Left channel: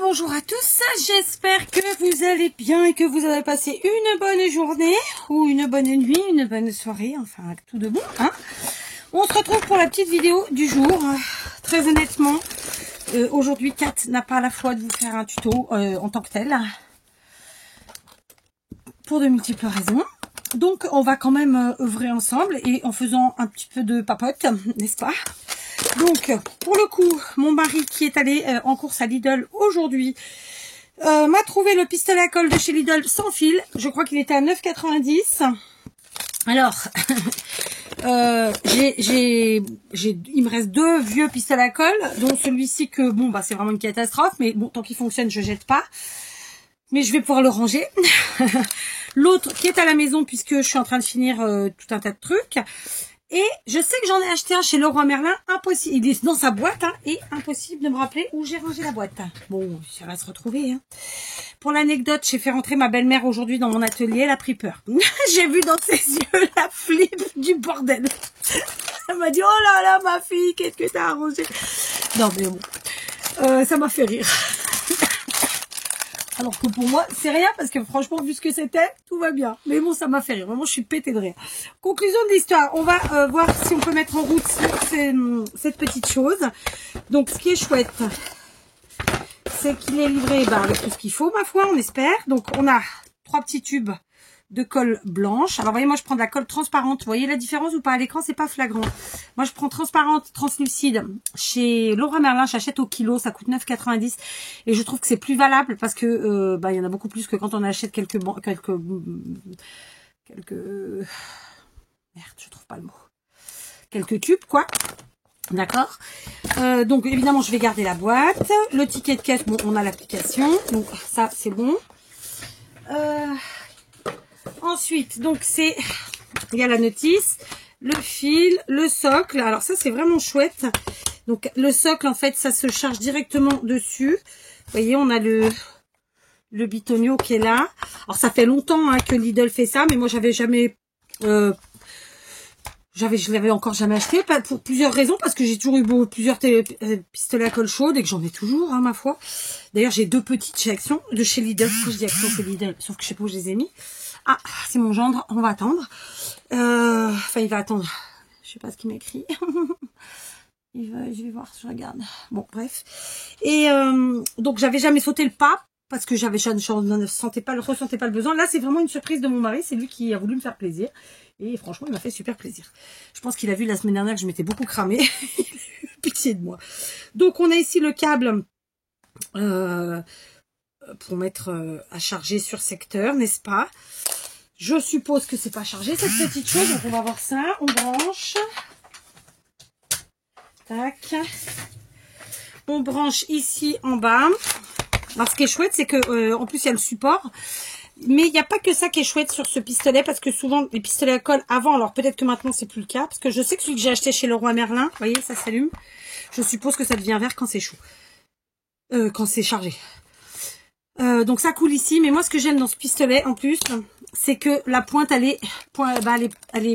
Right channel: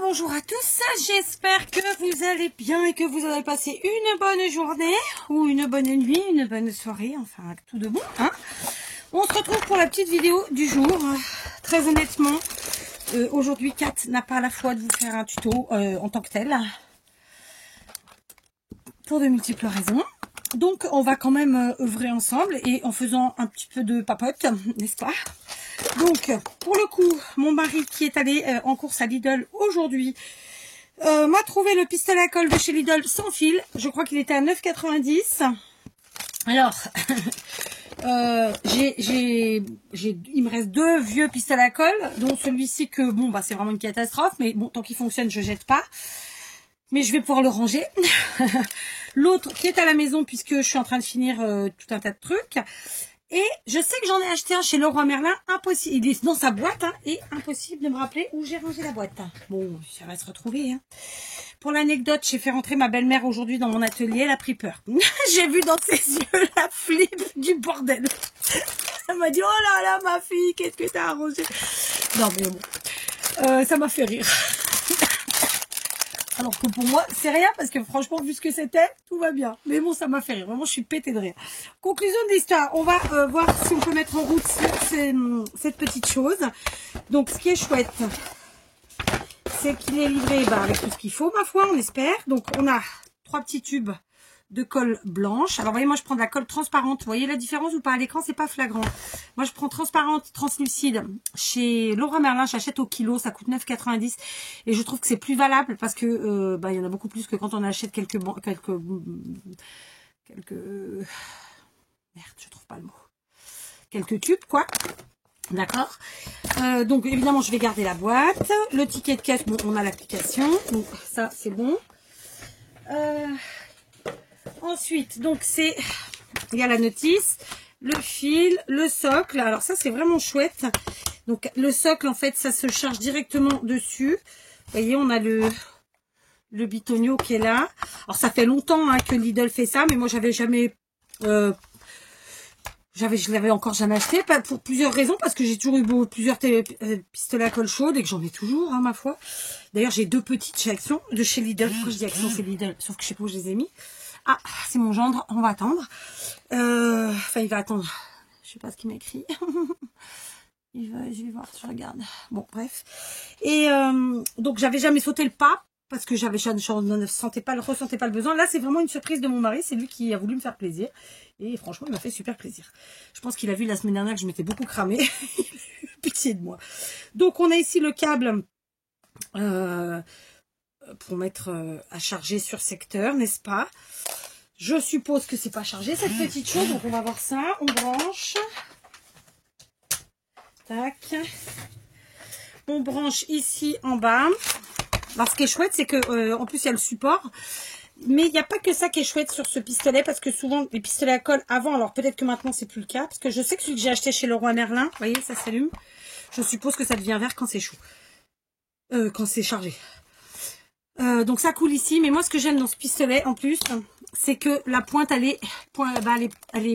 Bonjour à tous, j'espère que vous allez bien et que vous avez passé une bonne journée ou une bonne nuit, une bonne soirée, enfin tout de bon. Hein. On se retrouve pour la petite vidéo du jour. Très honnêtement, aujourd'hui Kat n'a pas la foi de vous faire un tuto en tant que tel, pour de multiples raisons. Donc on va quand même œuvrer ensemble et en faisant un petit peu de papote, n'est-ce pas? Donc, pour le coup, mon mari qui est allé en course à Lidl aujourd'hui m'a trouvé le pistolet à colle de chez Lidl sans fil. Je crois qu'il était à 9,90 €. Alors, il me reste deux vieux pistolets à colle, dont celui-ci que, bon, bah c'est vraiment une catastrophe, mais bon, tant qu'il fonctionne, je jette pas. Mais je vais pouvoir le ranger. L'autre qui est à la maison, puisque je suis en train de finir tout un tas de trucs. Et je sais que j'en ai acheté un chez Leroy Merlin, impossible, il est dans sa boîte, hein, et impossible de me rappeler où j'ai rangé la boîte. Bon, ça va se retrouver. Hein. Pour l'anecdote, j'ai fait rentrer ma belle-mère aujourd'hui dans mon atelier, elle a pris peur. J'ai vu dans ses yeux la flip du bordel. Elle m'a dit, oh là là, ma fille, qu'est-ce que t'as arrangé? Non, mais bon, ça m'a fait rire. Alors que pour moi, c'est rien parce que franchement, vu ce que c'était, tout va bien. Mais bon, ça m'a fait rire. Vraiment, je suis pétée de rire. Conclusion de l'histoire. On va voir si on peut mettre en route cette petite chose. Donc, ce qui est chouette, c'est qu'il est livré avec tout ce qu'il faut, ma foi, on espère. Donc, on a 3 petits tubes de colle blanche. Alors, vous voyez, moi, je prends de la colle transparente. Vous voyez la différence ou pas? À l'écran, c'est pas flagrant. Moi, je prends transparente, translucide. Chez Leroy Merlin, j'achète au kilo. Ça coûte 9,90 €. Et je trouve que c'est plus valable parce que, il y en a beaucoup plus que quand on achète quelques merde, je trouve pas le mot. Quelques tubes, quoi. D'accord. Donc, évidemment, je vais garder la boîte. Le ticket de caisse, bon, on a l'application. Donc, ça, c'est bon. Ensuite, donc il y a la notice, le fil, le socle. Alors ça, c'est vraiment chouette. Donc le socle, en fait, ça se charge directement dessus. Vous voyez, on a le bitonio qui est là. Alors ça fait longtemps que Lidl fait ça, mais moi j'avais jamais, je l'avais encore jamais acheté, pour plusieurs raisons, parce que j'ai toujours eu plusieurs pistolets à colle chaude et que j'en ai toujours, hein, ma foi. D'ailleurs, j'ai 2 petites chez Action, de chez Lidl. Je dis Action, c'est Lidl, sauf que je sais pas où je les ai mis. Ah, c'est mon gendre, on va attendre. Enfin, il va attendre. Je sais pas ce qu'il m'a écrit. Je vais voir, je regarde. Bon, bref. Et donc, j'avais jamais sauté le pas parce que je ne ressentais pas le besoin. Là, c'est vraiment une surprise de mon mari. C'est lui qui a voulu me faire plaisir. Et franchement, il m'a fait super plaisir. Je pense qu'il a vu la semaine dernière que je m'étais beaucoup cramée. Pitié de moi. Donc, on a ici le câble pour mettre à charger sur secteur, n'est-ce pas? Je suppose que c'est pas chargé cette petite chose, donc on va voir ça. On branche. Tac. On branche ici en bas. Alors ce qui est chouette, c'est que en plus il y a le support. Mais il n'y a pas que ça qui est chouette sur ce pistolet, parce que souvent les pistolets à colle avant, alors peut-être que maintenant c'est plus le cas, parce que je sais que celui que j'ai acheté chez Leroy Merlin, vous voyez, ça s'allume. Je suppose que ça devient vert quand c'est chaud. Quand c'est chargé. Donc ça coule ici, mais moi ce que j'aime dans ce pistolet en plus, c'est que la pointe elle est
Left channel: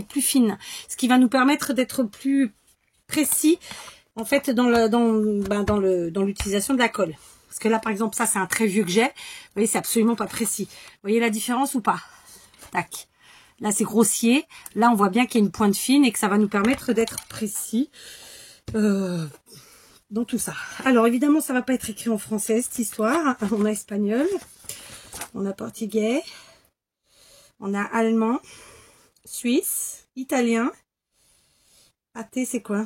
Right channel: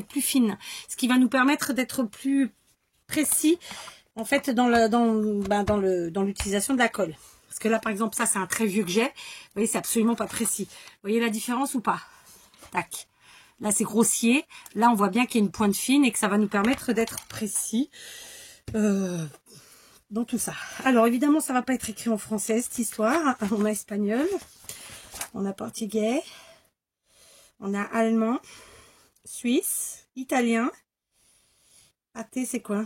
plus fine, ce qui va nous permettre d'être plus précis en fait dans l'utilisation de la colle. Parce que là par exemple ça c'est un très vieux que j'ai, vous voyez c'est absolument pas précis. Vous voyez la différence ou pas? Tac. Là c'est grossier, là on voit bien qu'il y a une pointe fine et que ça va nous permettre d'être précis. Dans tout ça. Alors évidemment ça va pas être écrit en français cette histoire. On a espagnol, on a portugais, on a allemand, suisse, italien. AT c'est quoi?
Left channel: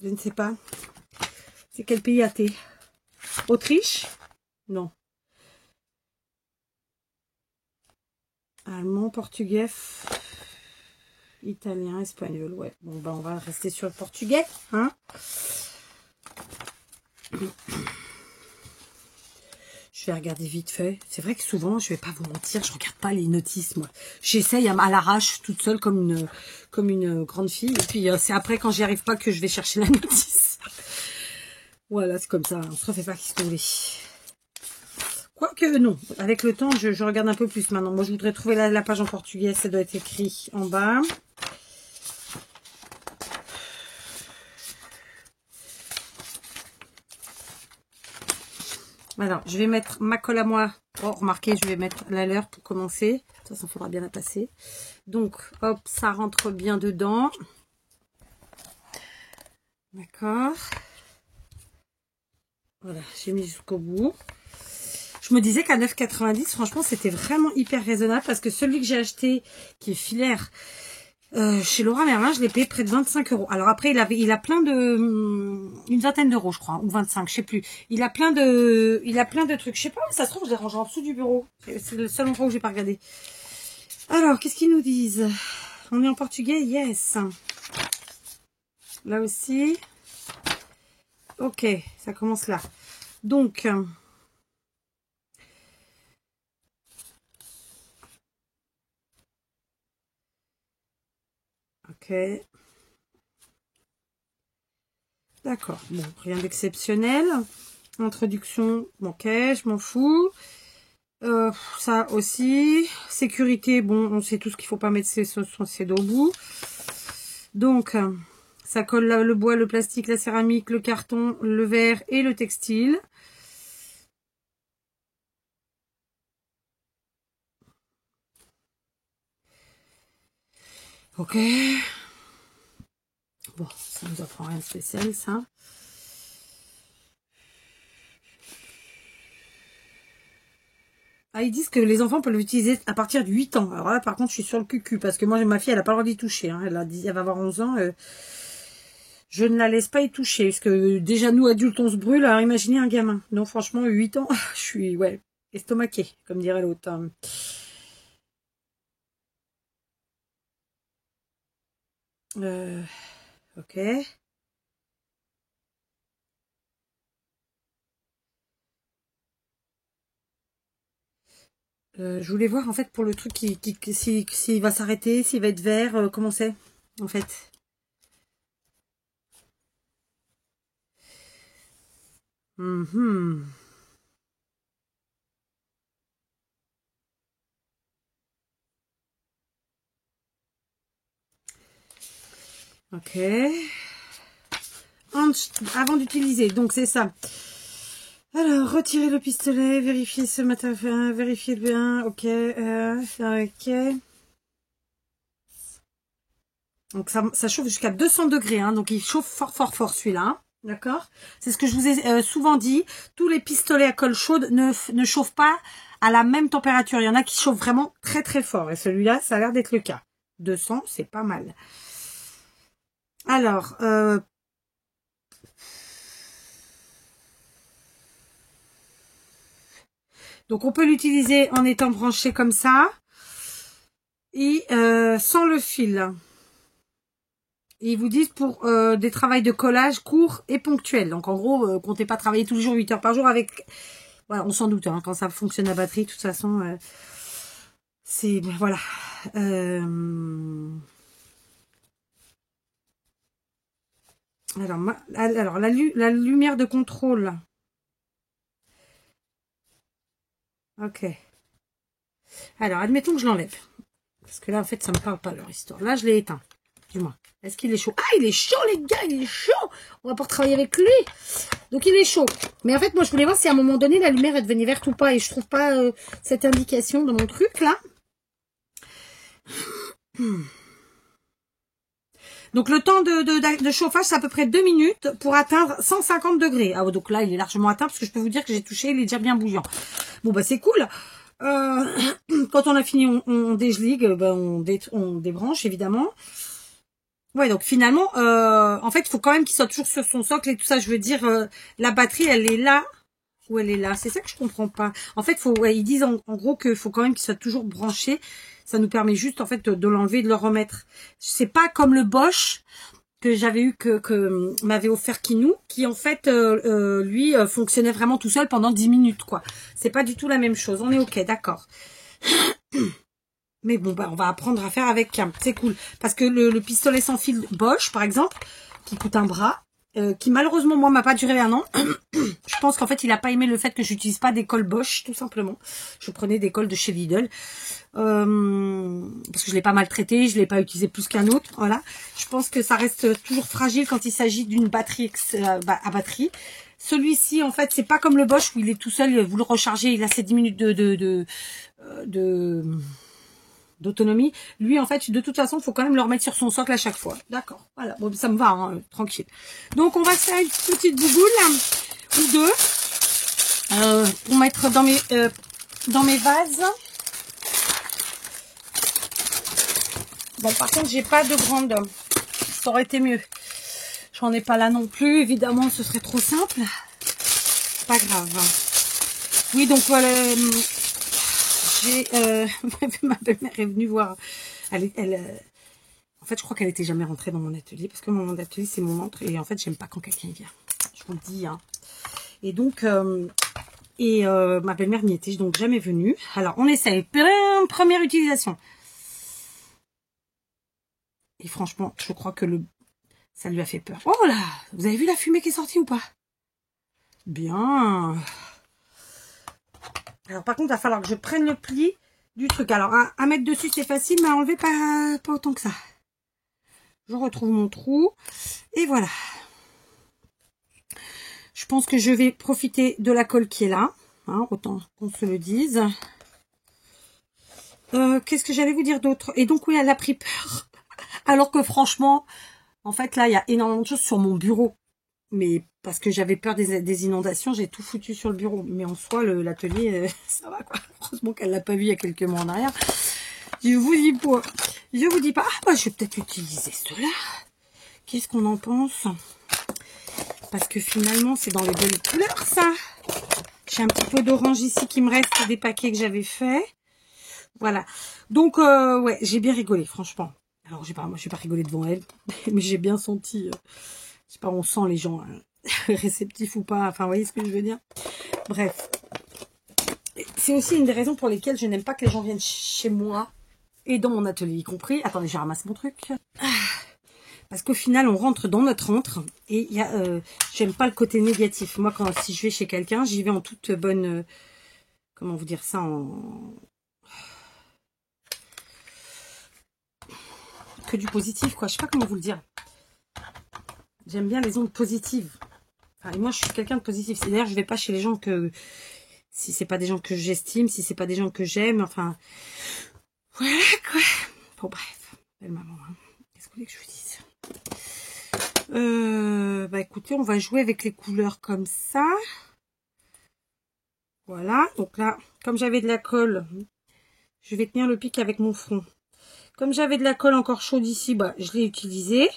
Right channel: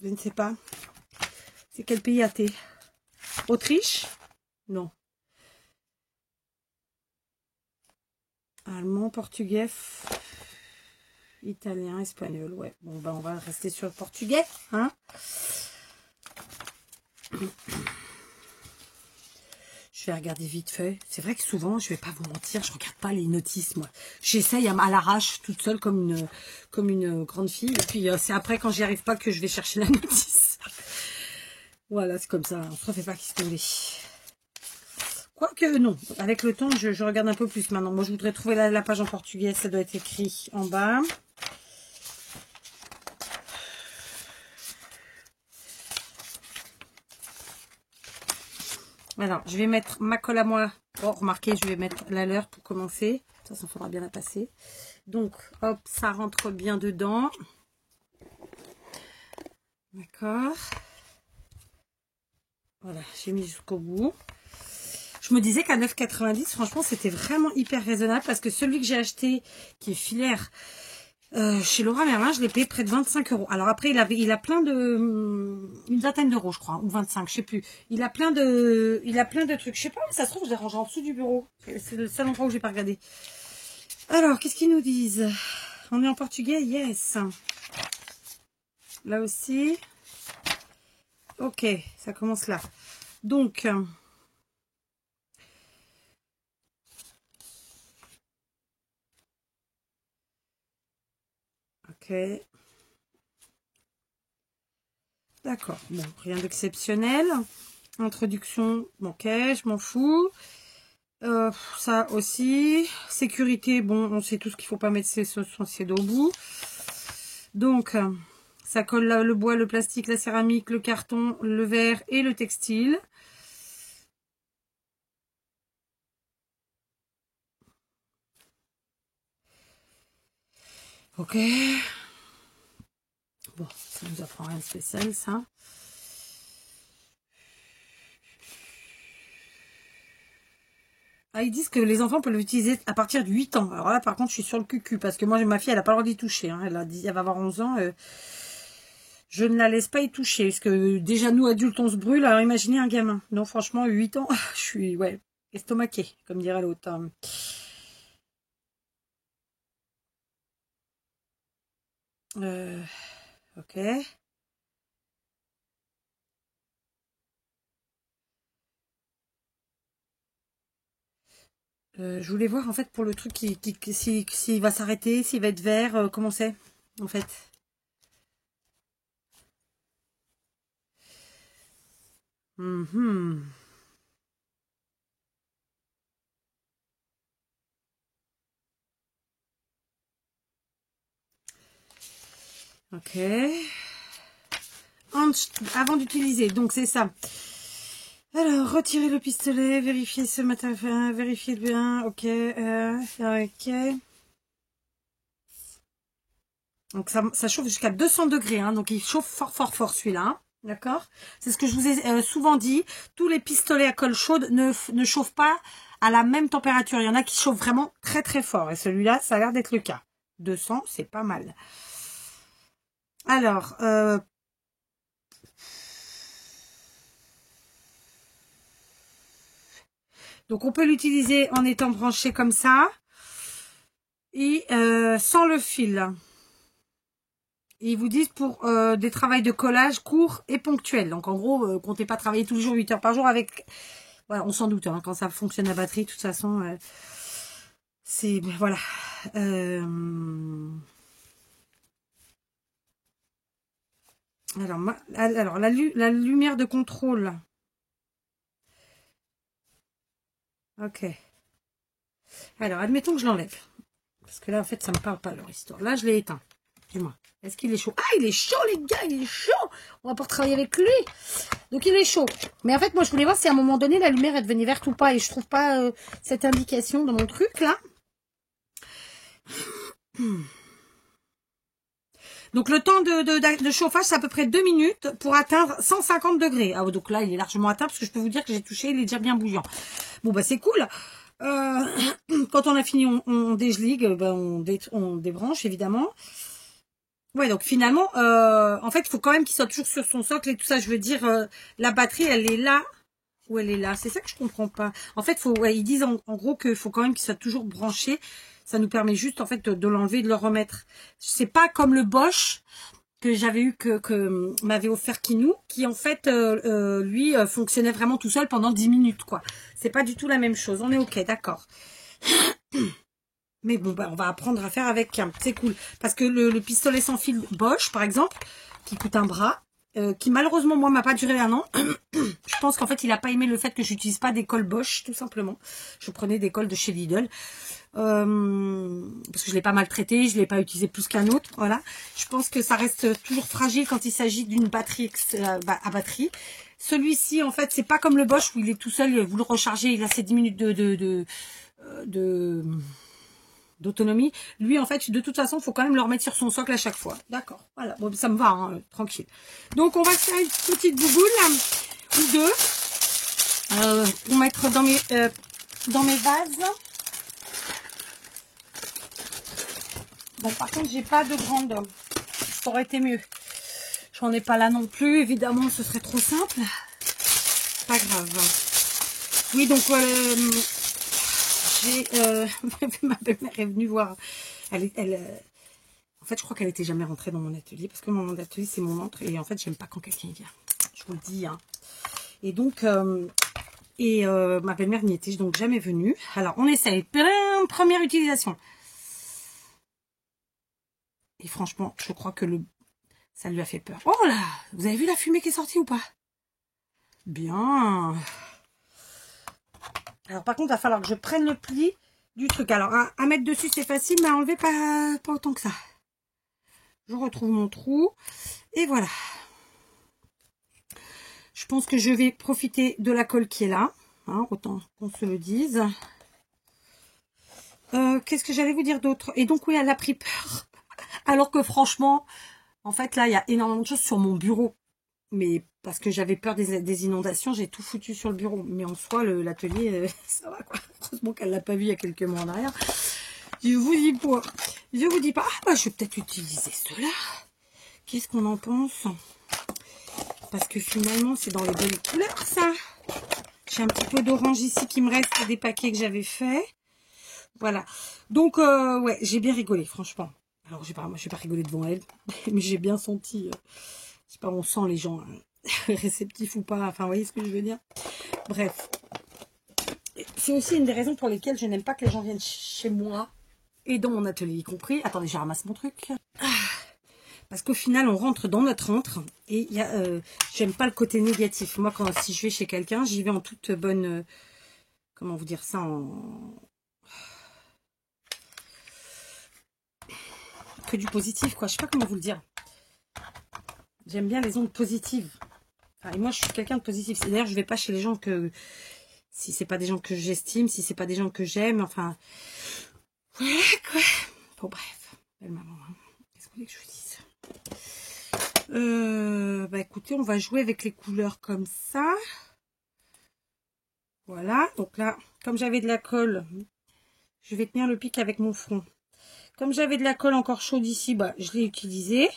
Je ne sais pas. C'est quel pays AT? Autriche? Non. Allemand, portugais, italien, espagnol. Ouais. Bon bah on va rester sur le portugais, hein. Je vais regarder vite fait. C'est vrai que souvent, je vais pas vous mentir, je regarde pas les notices, moi. J'essaye à l'arrache, toute seule, comme une grande fille. Et puis, c'est après, quand j'y arrive pas, que je vais chercher la notice. Voilà, c'est comme ça. On se refait pas qu'historier. Quoique, non. Avec le temps, je regarde un peu plus maintenant. Moi, je voudrais trouver la page en portugais. Ça doit être écrit en bas. Alors, je vais mettre ma colle à moi. Oh, remarquez, je vais mettre la leur pour commencer. Ça faudra bien la passer. Donc, hop, ça rentre bien dedans. D'accord. Voilà, j'ai mis jusqu'au bout. Je me disais qu'à 9,90, franchement, c'était vraiment hyper raisonnable parce que celui que j'ai acheté, qui est filaire, chez Leroy Merlin, je l'ai payé près de 25 €. Alors après, il a plein de... une vingtaine d'euros, je crois, ou 25, je sais plus. Il a plein de trucs. Je sais pas, ça se trouve, je l'ai rangé en dessous du bureau. C'est le seul endroit où j'ai pas regardé. Alors, qu'est-ce qu'ils nous disent? On est en portugais, yes. Là aussi. Ok, ça commence là. Donc... ok. D'accord, bon, rien d'exceptionnel. Introduction, ok, je m'en fous. Ça aussi. Sécurité, bon, on sait tout ce qu'il faut pas mettre ses dos au bout. Donc, ça colle là, le bois, le plastique, la céramique, le carton, le verre et le textile. Ok. Bon, ça ne nous apprend rien de spécial, ça. Ah, ils disent que les enfants peuvent l'utiliser à partir de 8 ans. Alors là, par contre, je suis sur le cucu, parce que moi, ma fille, elle n'a pas le droit d'y toucher. Hein. Elle va avoir 11 ans. Je ne la laisse pas y toucher, parce que déjà, nous, adultes, on se brûle. Alors, imaginez un gamin. Donc, franchement, 8 ans, je suis, ouais, estomaquée, comme dirait l'autre. Hein. Ok. Je voulais voir, en fait, pour le truc, s'il va s'arrêter, s'il va être vert, comment c'est, en fait. Ok. Avant d'utiliser, donc c'est ça. Alors, retirer le pistolet, vérifier ce matin, vérifier bien, ok, ok. Donc ça chauffe jusqu'à 200 degrés, hein, donc il chauffe fort fort fort celui-là, d'accord. C'est ce que je vous ai souvent dit, tous les pistolets à colle chaude ne chauffent pas à la même température, il y en a qui chauffent vraiment très très fort, et celui-là, ça a l'air d'être le cas. 200, c'est pas mal. Alors, donc on peut l'utiliser en étant branché comme ça et sans le fil. Ils vous disent pour des travails de collage courts et ponctuels. Donc en gros, comptez pas travailler tous les jours 8 heures par jour avec... Voilà, on s'en doute, hein, quand ça fonctionne à batterie, de toute façon, c'est... Voilà. Alors la lumière de contrôle. Ok. Alors, admettons que je l'enlève. Parce que là, en fait, ça me parle pas leur histoire. Là, je l'ai éteint. Du moins. Est-ce qu'il est chaud? Ah, il est chaud, les gars, il est chaud. On va pouvoir travailler avec lui. Donc, il est chaud. Mais en fait, moi, je voulais voir si à un moment donné, la lumière est devenue verte ou pas. Et je trouve pas cette indication dans mon truc, là. Donc, le temps de chauffage, c'est à peu près 2 minutes pour atteindre 150 degrés. Ah, donc là, il est largement atteint parce que je peux vous dire que j'ai touché, il est déjà bien bouillant. Bon, bah, c'est cool. Quand on a fini, on dégeligue, ben, on débranche, évidemment. Ouais, donc finalement, en fait, il faut quand même qu'il soit toujours sur son socle et tout ça. Je veux dire, la batterie, elle est là ou elle est là. C'est ça que je comprends pas. En fait, ils disent en gros qu'il faut quand même qu'il soit toujours branché. Ça nous permet juste, en fait, de l'enlever et de le remettre. C'est pas comme le Bosch que j'avais eu, que m'avait offert Kinou, qui en fait, lui, fonctionnait vraiment tout seul pendant 10 minutes, quoi. C'est pas du tout la même chose. On est ok, d'accord. Mais bon, bah, on va apprendre à faire avec. C'est cool. Parce que le pistolet sans fil Bosch, par exemple, qui coûte un bras, qui malheureusement, moi, m'a pas duré 1 an. Je pense qu'en fait, il a pas aimé le fait que j'utilise pas des colles Bosch, tout simplement. Je prenais des colles de chez Lidl. Parce que je l'ai pas maltraité, je l'ai pas utilisé plus qu'un autre. Voilà. Je pense que ça reste toujours fragile quand il s'agit d'une batterie à batterie. Celui-ci, en fait, c'est pas comme le Bosch où il est tout seul, vous le rechargez, il a ses 10 minutes d'autonomie. Lui, en fait, de toute façon, il faut quand même le remettre sur son socle à chaque fois. D'accord, voilà, bon, ça me va, hein, tranquille. Donc, on va se faire une petite bouboule, ou deux, pour mettre dans mes vases. Bon, par contre, j'ai pas de grande. Ça aurait été mieux. J'en ai pas là non plus. Évidemment, ce serait trop simple. Pas grave. Hein. Oui, donc j'ai ma belle-mère est venue voir. En fait, je crois qu'elle était jamais rentrée dans mon atelier parce que mon atelier c'est mon entre et en fait, j'aime pas quand quelqu'un vient. Je vous le dis. Hein. Et donc, ma belle-mère n'y était donc jamais venue. Alors, on essaye. Première utilisation. Et franchement, je crois que ça lui a fait peur. Oh là! Vous avez vu la fumée qui est sortie ou pas? Bien. Alors, par contre, il va falloir que je prenne le pli du truc. Alors, à mettre dessus, c'est facile, mais à enlever, pas autant que ça. Je retrouve mon trou. Et voilà. Je pense que je vais profiter de la colle qui est là. Hein, autant qu'on se le dise. Qu'est-ce que j'allais vous dire d'autre? Et donc, oui, elle a pris peur. Alors que franchement, en fait, là, il y a énormément de choses sur mon bureau. Mais parce que j'avais peur des inondations, j'ai tout foutu sur le bureau. Mais en soi, l'atelier, ça va quoi. Heureusement qu'elle l'a pas vu il y a quelques mois en arrière. Je vous dis pas. Ah, bah, je vais peut-être utiliser cela. Qu'est-ce qu'on en pense? Parce que finalement, c'est dans les belles couleurs, ça. J'ai un petit peu d'orange ici qui me reste des paquets que j'avais fait. Voilà. Donc, ouais, j'ai bien rigolé, franchement. Alors, moi, je vais pas rigoler devant elle, mais j'ai bien senti, je sais pas, on sent les gens réceptifs ou pas, enfin, vous voyez ce que je veux dire. Bref. C'est aussi une des raisons pour lesquelles je n'aime pas que les gens viennent chez moi, et dans mon atelier y compris. Attendez, je ramasse mon truc. Parce qu'au final, on rentre dans notre antre, et il y a, j'aime pas le côté négatif. Moi, si je vais chez quelqu'un, j'y vais en toute bonne, comment vous dire ça, que du positif, quoi. Je sais pas comment vous le dire. J'aime bien les ondes positives. Enfin, et moi, je suis quelqu'un de positif. C'est-à-dire, je vais pas chez les gens si c'est pas des gens que j'estime, si c'est pas des gens que j'aime, enfin... Voilà, quoi. Bon, bref. Belle maman, hein. Qu'est-ce que vous voulez que je vous dise? Bah, écoutez, on va jouer avec les couleurs comme ça. Voilà. Donc là, comme j'avais de la colle, je vais tenir le pic avec mon front. Comme j'avais de la colle encore chaude ici, bah, je l'ai utilisée.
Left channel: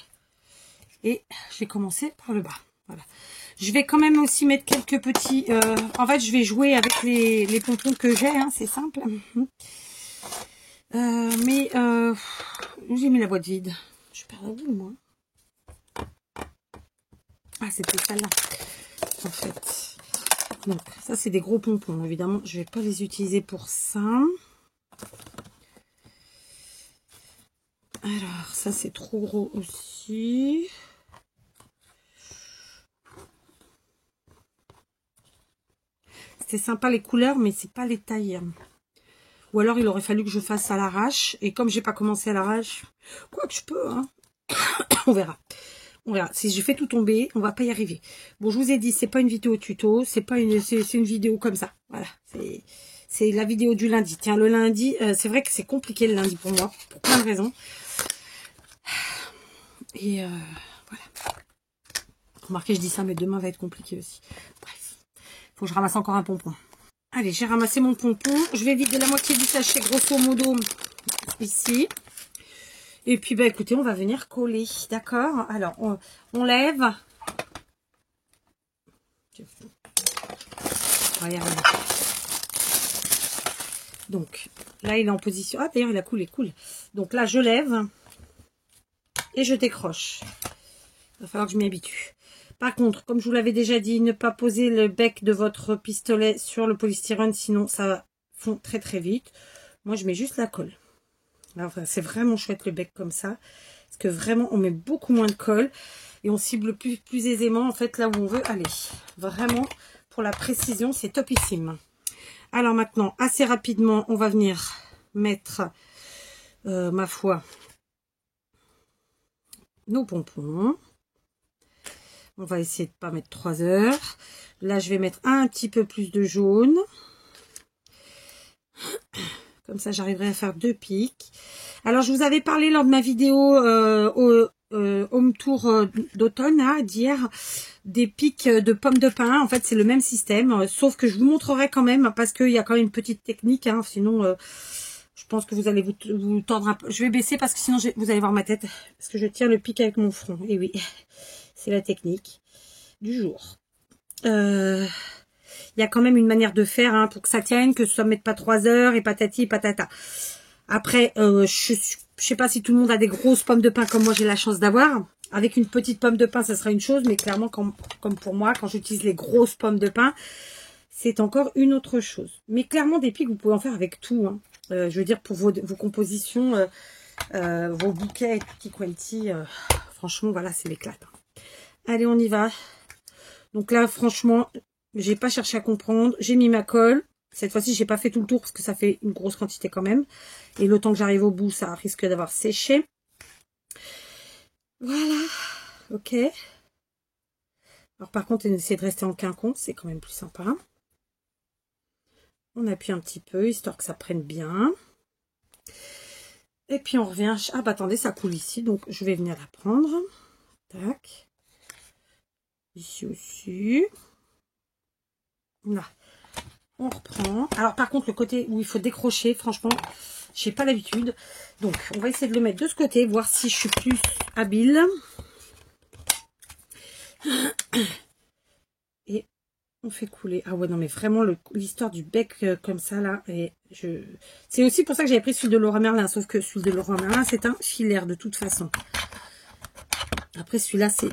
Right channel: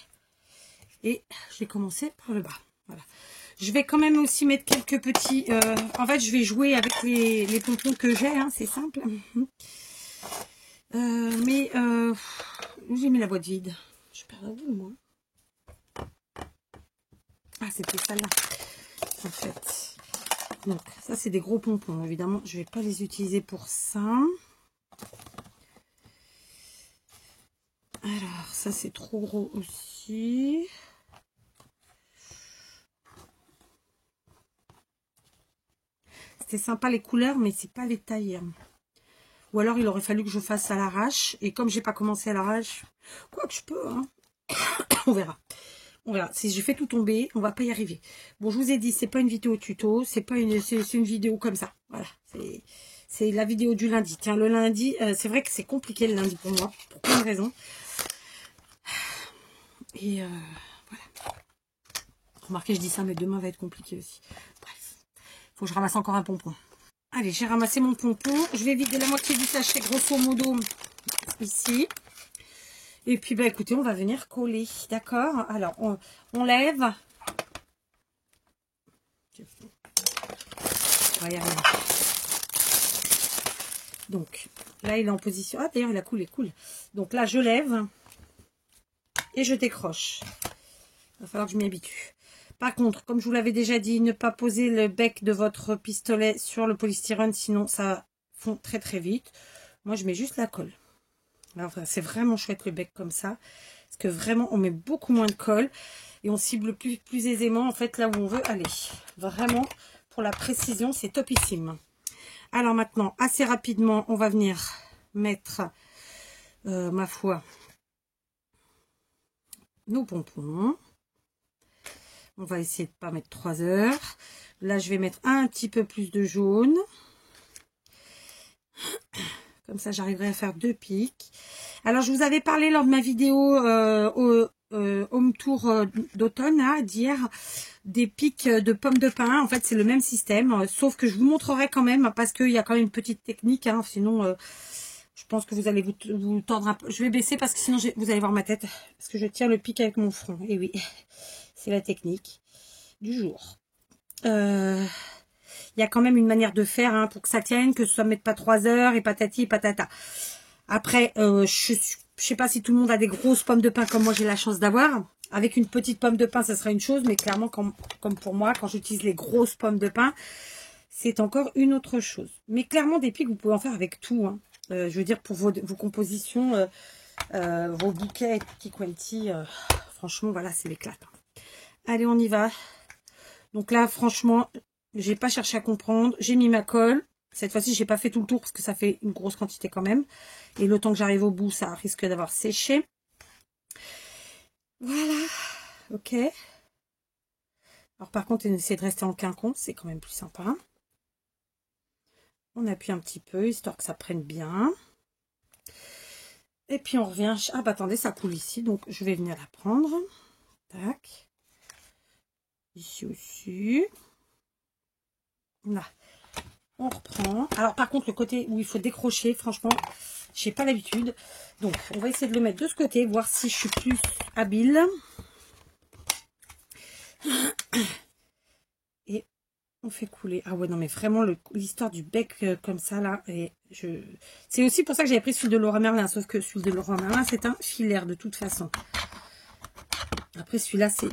Et je vais commencer par le bas. Voilà. Je vais quand même aussi mettre quelques petits... en fait, je vais jouer avec les pompons que j'ai. Hein, c'est simple. Mais j'ai mis la boîte vide. Je suis perdue, moi. Ah, c'était celle-là. En fait. Donc, ça, c'est des gros pompons. Évidemment, je ne vais pas les utiliser pour ça. Alors, ça, c'est trop gros aussi. C'était sympa les couleurs, mais c'est pas les tailles. Ou alors, il aurait fallu que je fasse à l'arrache. Et comme j'ai pas commencé à l'arrache, quoi que je peux, hein. On verra. On verra. Si je fais tout tomber, on va pas y arriver. Bon, je vous ai dit, c'est pas une vidéo tuto, c'est une vidéo comme ça. Voilà. C'est la vidéo du lundi. Tiens, le lundi, c'est vrai que c'est compliqué le lundi pour moi, pour plein de raisons. Et voilà. Remarquez, je dis ça, mais demain va être compliqué aussi. Bref. Faut que je ramasse encore un pompon. Allez, j'ai ramassé mon pompon. Je vais vider la moitié du sachet, grosso modo, ici. Et puis, bah, écoutez, on va venir coller. D'accord? Alors, on lève. Regardez. Donc, là, il est en position... Ah, d'ailleurs, il a coulé, cool. Donc là, je lève. Et je décroche. Il va falloir que je m'y habitue. Par contre, comme je vous l'avais déjà dit, ne pas poser le bec de votre pistolet sur le polystyrène, sinon ça fond très très vite. Moi, je mets juste la colle. Alors, enfin, c'est vraiment chouette le bec comme ça. Parce que vraiment, on met beaucoup moins de colle. Et on cible plus aisément, en fait, là où on veut aller. Vraiment, pour la précision, c'est topissime. Alors maintenant, assez rapidement, on va venir mettre, ma foi, nos pompons. On va essayer de pas mettre 3 heures. Là, je vais mettre un petit peu plus de jaune. Comme ça, j'arriverai à faire 2 pics. Alors, je vous avais parlé lors de ma vidéo home tour d'automne, d'hier, des pics de pommes de pin. En fait, c'est le même système, sauf que je vous montrerai quand même, parce qu'il y a quand même une petite technique. Sinon, je pense que vous allez vous tordre un peu. Je vais baisser parce que sinon, vous allez voir ma tête. Parce que je tiens le pic avec mon front. Et oui, c'est la technique du jour. Il y a quand même une manière de faire pour que ça tienne, que ça ne mette pas 3 heures et patati et patata. Après, je sais pas si tout le monde a des grosses pommes de pin comme moi j'ai la chance d'avoir. Avec une petite pomme de pin, ça sera une chose, mais clairement, comme pour moi, quand j'utilise les grosses pommes de pin, c'est encore une autre chose. Mais clairement, des pics, vous pouvez en faire avec tout. Je veux dire, pour vos compositions, vos bouquets tutti quanti, franchement, voilà, c'est l'éclat. Allez, on y va. Donc là, franchement, j'ai pas cherché à comprendre. J'ai mis ma colle. Cette fois-ci, j'ai pas fait tout le tour parce que ça fait une grosse quantité quand même. Et le temps que j'arrive au bout, ça risque d'avoir séché. Voilà. Ok. Alors par contre, on essaie de rester en quinconce. C'est quand même plus sympa. On appuie un petit peu, histoire que ça prenne bien. Et puis on revient. Ah bah attendez, ça coule ici. Donc je vais venir la prendre. Tac. Ici aussi. Là. On reprend. Alors par contre, le côté où il faut décrocher, franchement, j'ai pas l'habitude. Donc on va essayer de le mettre de ce côté, voir si je suis plus habile. Et on fait couler. Ah ouais, non mais vraiment, l'histoire du bec comme ça là. C'est aussi pour ça que j'avais pris celui de Laura Merlin. Sauf que celui de Laura Merlin, c'est un filaire de toute façon. Après celui-là, c'est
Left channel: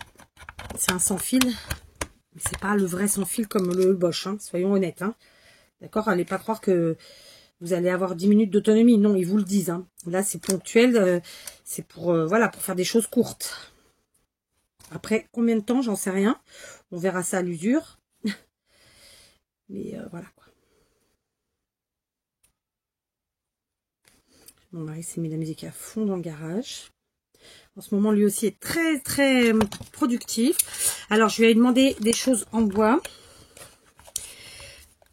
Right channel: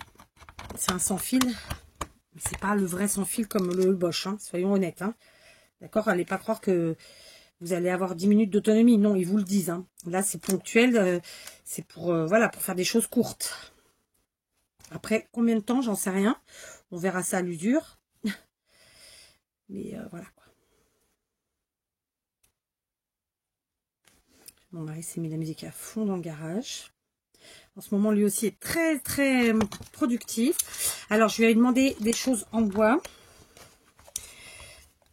un sans fil. Mais c'est pas le vrai sans fil comme le Bosch, soyons honnêtes. D'accord, allez pas croire que vous allez avoir 10 minutes d'autonomie. Non, ils vous le disent. Là, c'est ponctuel. C'est pour, voilà, pour faire des choses courtes. Après, combien de temps, j'en sais rien. On verra ça à l'usure. Mais voilà quoi. Mon mari s'est mis la musique à fond dans le garage. En ce moment, lui aussi est très, très productif. Alors, je lui ai demandé des choses en bois.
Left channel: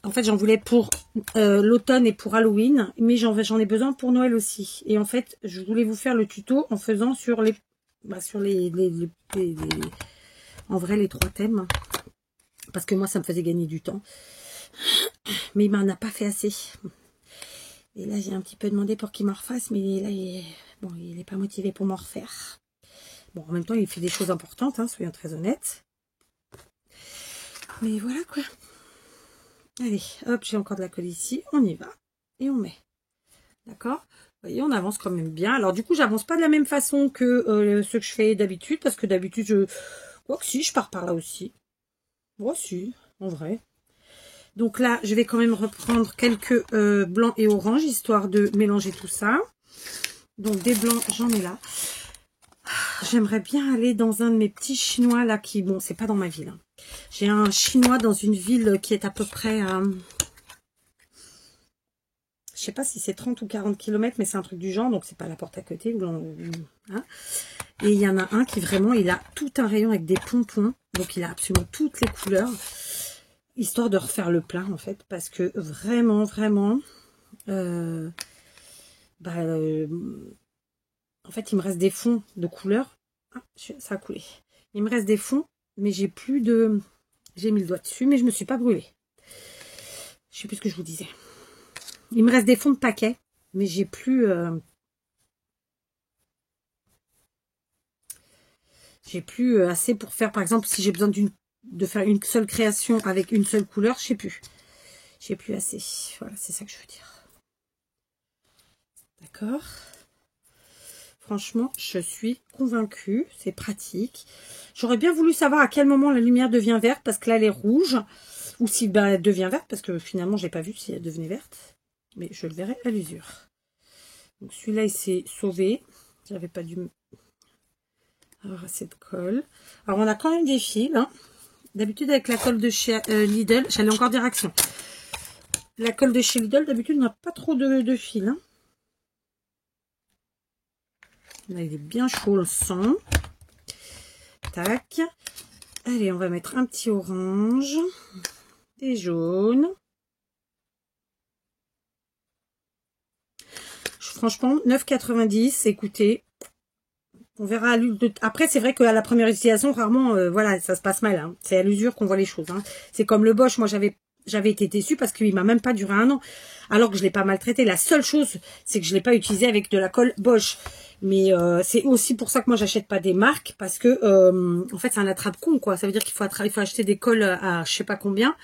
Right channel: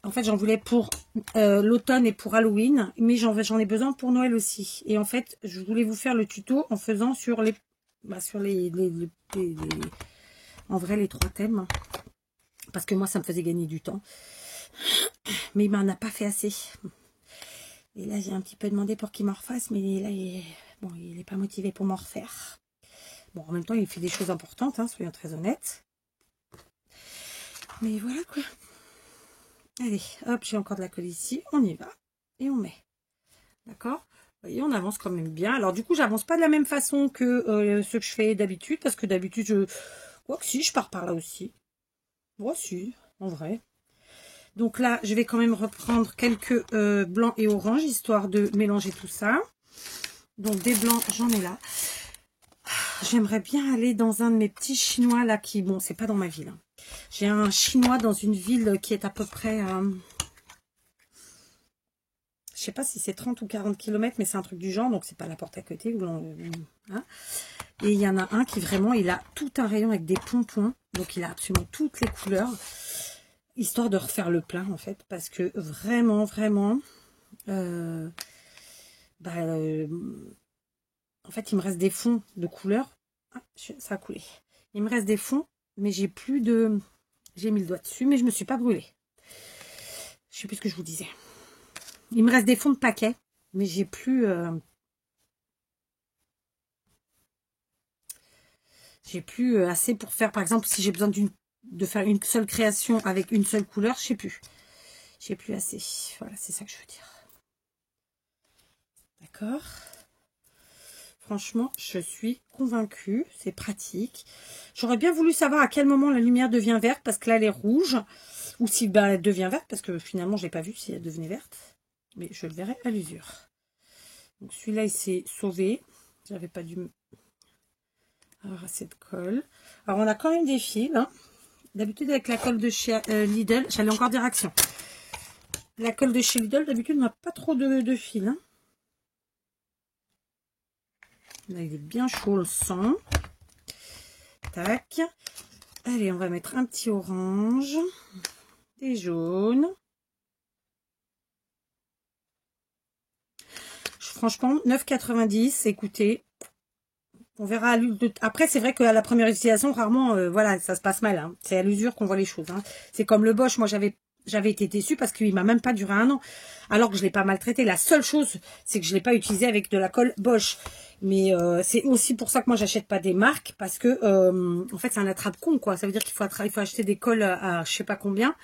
En fait, j'en voulais pour l'automne et pour Halloween, mais j'en ai besoin pour Noël aussi. Et en fait, je voulais vous faire le tuto en faisant sur les en vrai, les 3 thèmes. Parce que moi, ça me faisait gagner du temps. Mais il m'en a pas fait assez. Et là, j'ai un petit peu demandé pour qu'il m'en refasse, mais là, il est pas motivé pour m'en refaire. Bon, en même temps, il fait des choses importantes, soyons très honnêtes. Mais voilà, quoi. Allez, hop, j'ai encore de la colle ici. On y va. Et on met. D'accord? Vous voyez, on avance quand même bien. Alors, du coup, j'avance pas de la même façon que ce que je fais d'habitude. Parce que d'habitude, oh, si, je pars par là aussi. Moi aussi, en vrai. Donc là, je vais quand même reprendre quelques blancs et oranges, histoire de mélanger tout ça. Donc, des blancs, j'en ai là. J'aimerais bien aller dans un de mes petits chinois, là, qui... Bon, c'est pas dans ma ville. J'ai un chinois dans une ville qui est à peu près... je sais pas si c'est 30 ou 40 km, mais c'est un truc du genre, donc c'est pas la porte à côté. Et il y en a un qui vraiment, il a tout un rayon avec des pompons. Donc il a absolument toutes les couleurs. Histoire de refaire le plat, en fait. Parce que vraiment, vraiment... en fait, il me reste des fonds de couleurs. Ah, ça a coulé. Il me reste des fonds, mais j'ai plus de... J'ai mis le doigt dessus, mais je me suis pas brûlée. Je sais plus ce que je vous disais. Il me reste des fonds de paquet, mais j'ai plus... j'ai plus assez pour faire, par exemple, si j'ai besoin de faire une seule création avec une seule couleur, je sais plus. J'ai plus assez. Voilà, c'est ça que je veux dire. D'accord. Franchement, je suis convaincue. C'est pratique. J'aurais bien voulu savoir à quel moment la lumière devient verte, parce que là, elle est rouge. Ou si elle devient verte, parce que finalement, j'ai pas vu si elle devenait verte. Mais je le verrai à l'usure. Donc celui-là, il s'est sauvé. J'avais pas dû avoir assez de colle. Alors, on a quand même des fils. D'habitude, avec la colle de chez Lidl, j'allais encore dire Action. La colle de chez Lidl, d'habitude, on n'a pas trop de fils. Là, il est bien chaud le sang. Tac. Allez, on va mettre un petit orange, des jaunes. Franchement, 9,90, écoutez, on verra à l'usure. Après, c'est vrai qu'à la première utilisation, rarement, voilà, ça se passe mal. Hein. C'est à l'usure qu'on voit les choses. Hein. C'est comme le Bosch, moi j'avais été déçue parce qu'il m'a même pas duré un an, alors que je l'ai pas maltraité. La seule chose, c'est que je l'ai pas utilisé avec de la colle Bosch. Mais c'est aussi pour ça que moi j'achète pas des marques, parce que en fait c'est un attrape-con, quoi. Ça veut dire qu'il faut acheter des colles à je sais pas combien.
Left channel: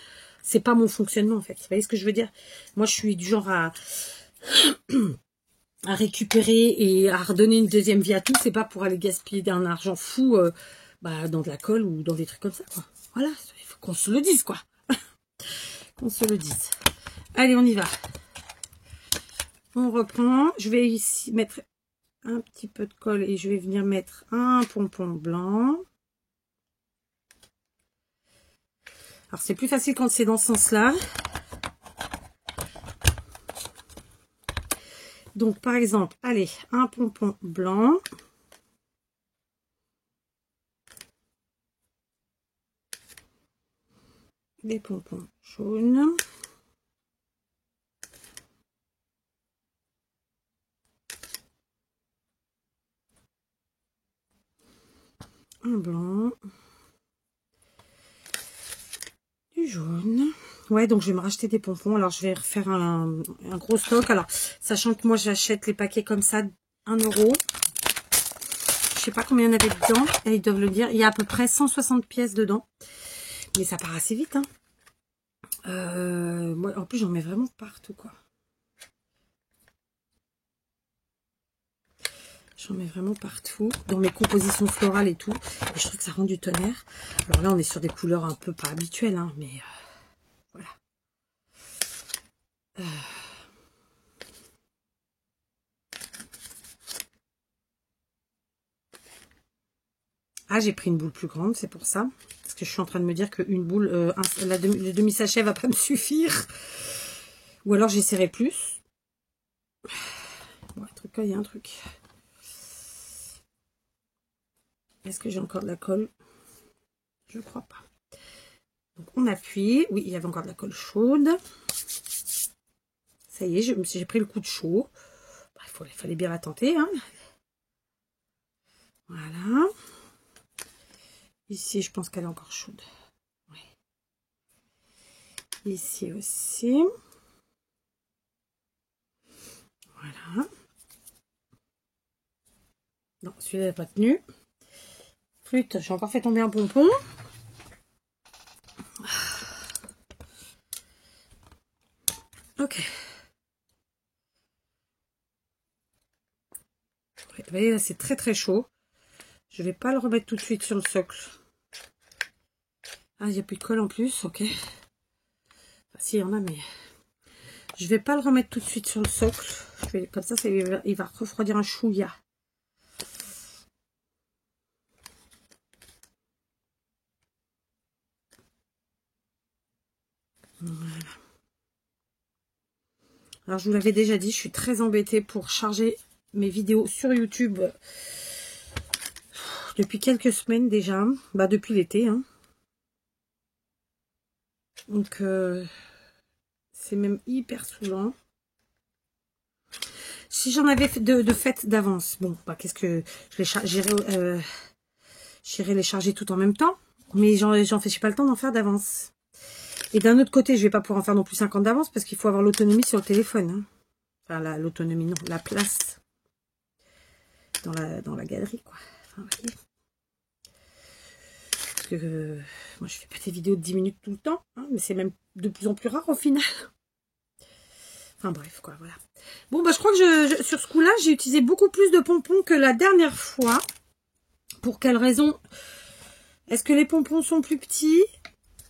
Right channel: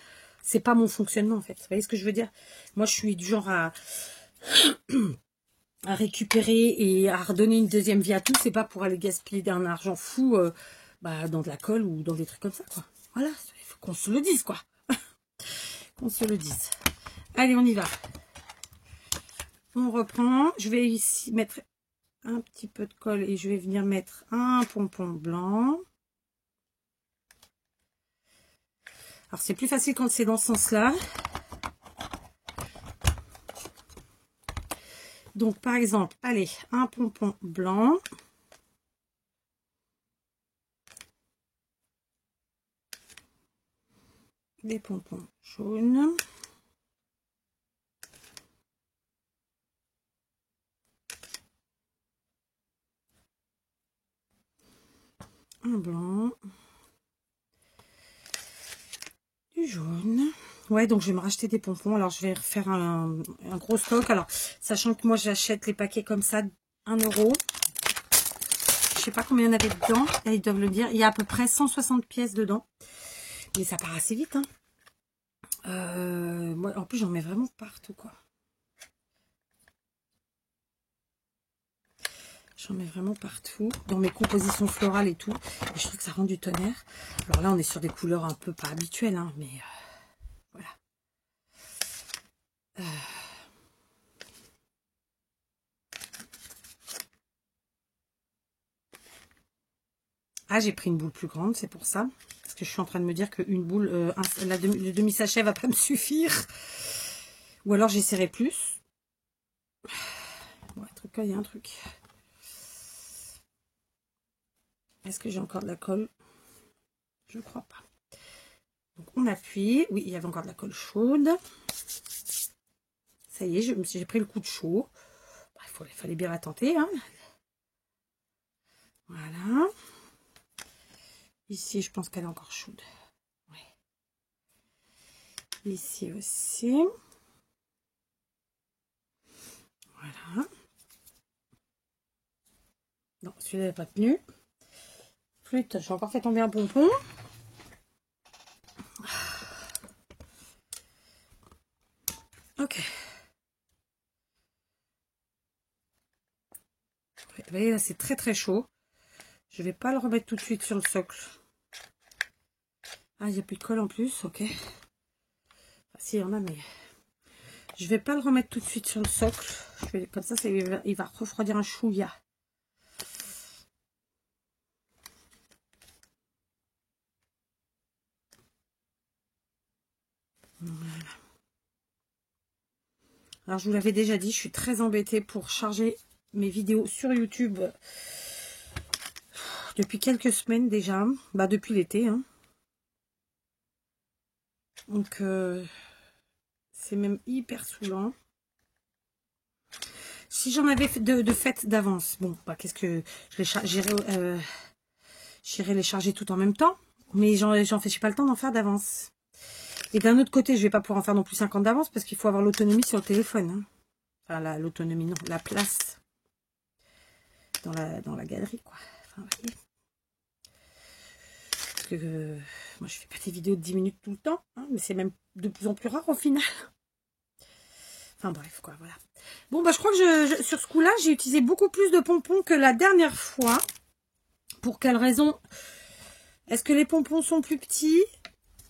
C'est pas mon fonctionnement, en fait. Vous voyez ce que je veux dire? Moi, je suis du genre à récupérer et à redonner une deuxième vie à tout. C'est pas pour aller gaspiller d'un argent fou dans de la colle ou dans des trucs comme ça, quoi. Voilà, il faut qu'on se le dise, quoi. Qu'on se le dise. Allez, on y va. On reprend. Je vais ici mettre un petit peu de colle et je vais venir mettre un pompon blanc. Alors, c'est plus facile quand c'est dans ce sens-là. Donc, par exemple, allez, un pompon blanc. Des pompons jaunes. Un blanc. Du jaune. Ouais, donc je vais me racheter des pompons. Alors, je vais refaire un gros stock. Alors, sachant que moi, j'achète les paquets comme ça, 1 €. Je sais pas combien il y en avait dedans. Et ils doivent le dire. Il y a à peu près 160 pièces dedans. Mais ça part assez vite, hein. Moi, en plus, j'en mets vraiment partout, quoi. J'en mets vraiment partout. Dans mes compositions florales et tout. Et je trouve que ça rend du tonnerre. Alors là, on est sur des couleurs un peu pas habituelles, hein. Mais voilà. Ah, j'ai pris une boule plus grande, c'est pour ça. Parce que je suis en train de me dire qu'une boule, le demi-sachet va pas me suffire. Ou alors j'essaierai plus. Bon, il y a un truc. Est-ce que j'ai encore de la colle? Je crois pas. Donc on appuie. Oui, il y avait encore de la colle chaude. Ça y est, j'ai pris le coup de chaud. Il fallait bien la tenter, hein. Voilà. Ici, je pense qu'elle est encore chaude. Oui. Ici aussi. Voilà. Non, celui-là n'a pas tenu. Flûte, j'ai encore fait tomber un pompon. Ok. Vous voyez, c'est très très chaud. Je vais pas le remettre tout de suite sur le socle. Ah, il n'y a plus de colle en plus, ok. Ah, si, il y en a, mais je vais pas le remettre tout de suite sur le socle. Comme ça, il va refroidir un chouïa. Voilà. Alors, je vous l'avais déjà dit, je suis très embêtée pour charger mes vidéos sur YouTube depuis quelques semaines déjà. Bah, depuis l'été, hein. Donc, c'est même hyper saoulant. Si j'en avais de fait d'avance, bon, bah, qu'est-ce que j'irai les charger tout en même temps, mais j'en fais pas le temps d'en faire d'avance. Et d'un autre côté, je vais pas pouvoir en faire non plus 50 d'avance parce qu'il faut avoir l'autonomie sur le téléphone. Hein. Enfin, l'autonomie, non, la place dans la galerie, quoi. Enfin, oui. Parce que moi, je fais pas des vidéos de 10 minutes tout le temps, hein, mais c'est même de plus en plus rare au final. Enfin bref, quoi, voilà. Bon, bah, je crois que sur ce coup-là, j'ai utilisé beaucoup plus de pompons que la dernière fois. Pour quelle raison? Est-ce que les pompons sont plus petits?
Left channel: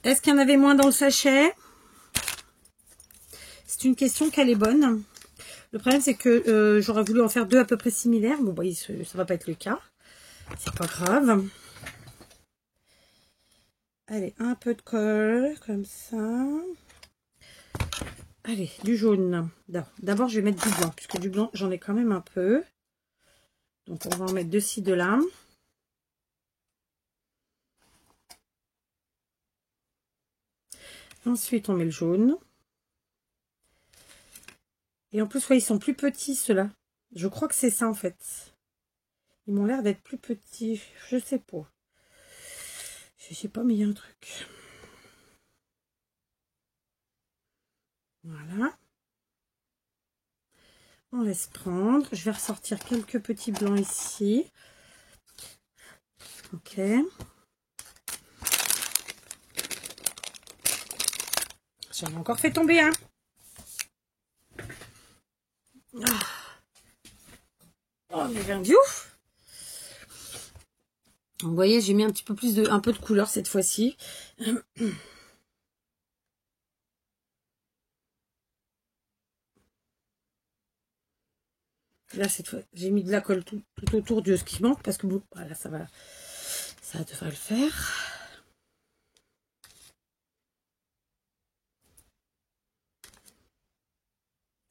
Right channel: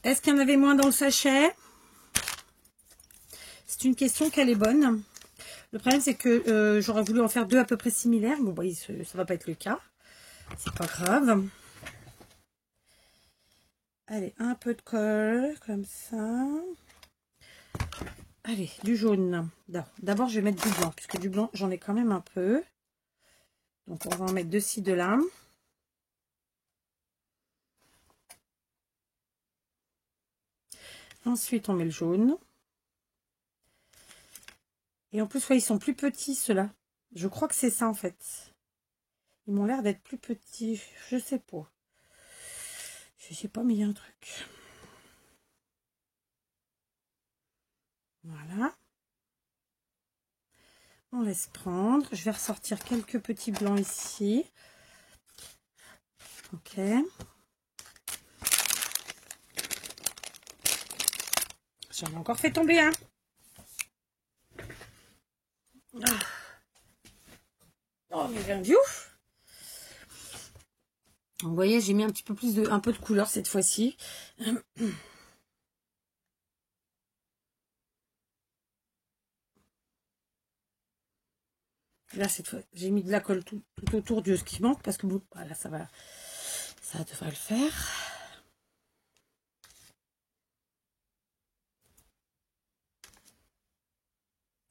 Est-ce qu'il y en avait moins dans le sachet? C'est une question qu'elle est bonne. Le problème, c'est que j'aurais voulu en faire 2 à peu près similaires. Bon, bah, ça va pas être le cas. C'est pas grave. Allez, un peu de colle, comme ça. Allez, du jaune. D'abord, je vais mettre du blanc, puisque du blanc, j'en ai quand même un peu. Donc, on va en mettre de ci, de là. Ensuite, on met le jaune. Et en plus, ouais, ils sont plus petits, ceux-là. Je crois que c'est ça, en fait. Ils m'ont l'air d'être plus petits. Je sais pas. Je sais pas, mais il y a un truc. Voilà. On laisse prendre. Je vais ressortir quelques petits blancs ici. Ok. J'en ai encore fait tomber un. Oh, mais bien du ouf. Vous voyez, j'ai mis un petit peu plus un peu de couleur cette fois-ci. Là, cette fois, j'ai mis de la colle tout autour de ce qui manque parce que bon, voilà, ça devrait le faire.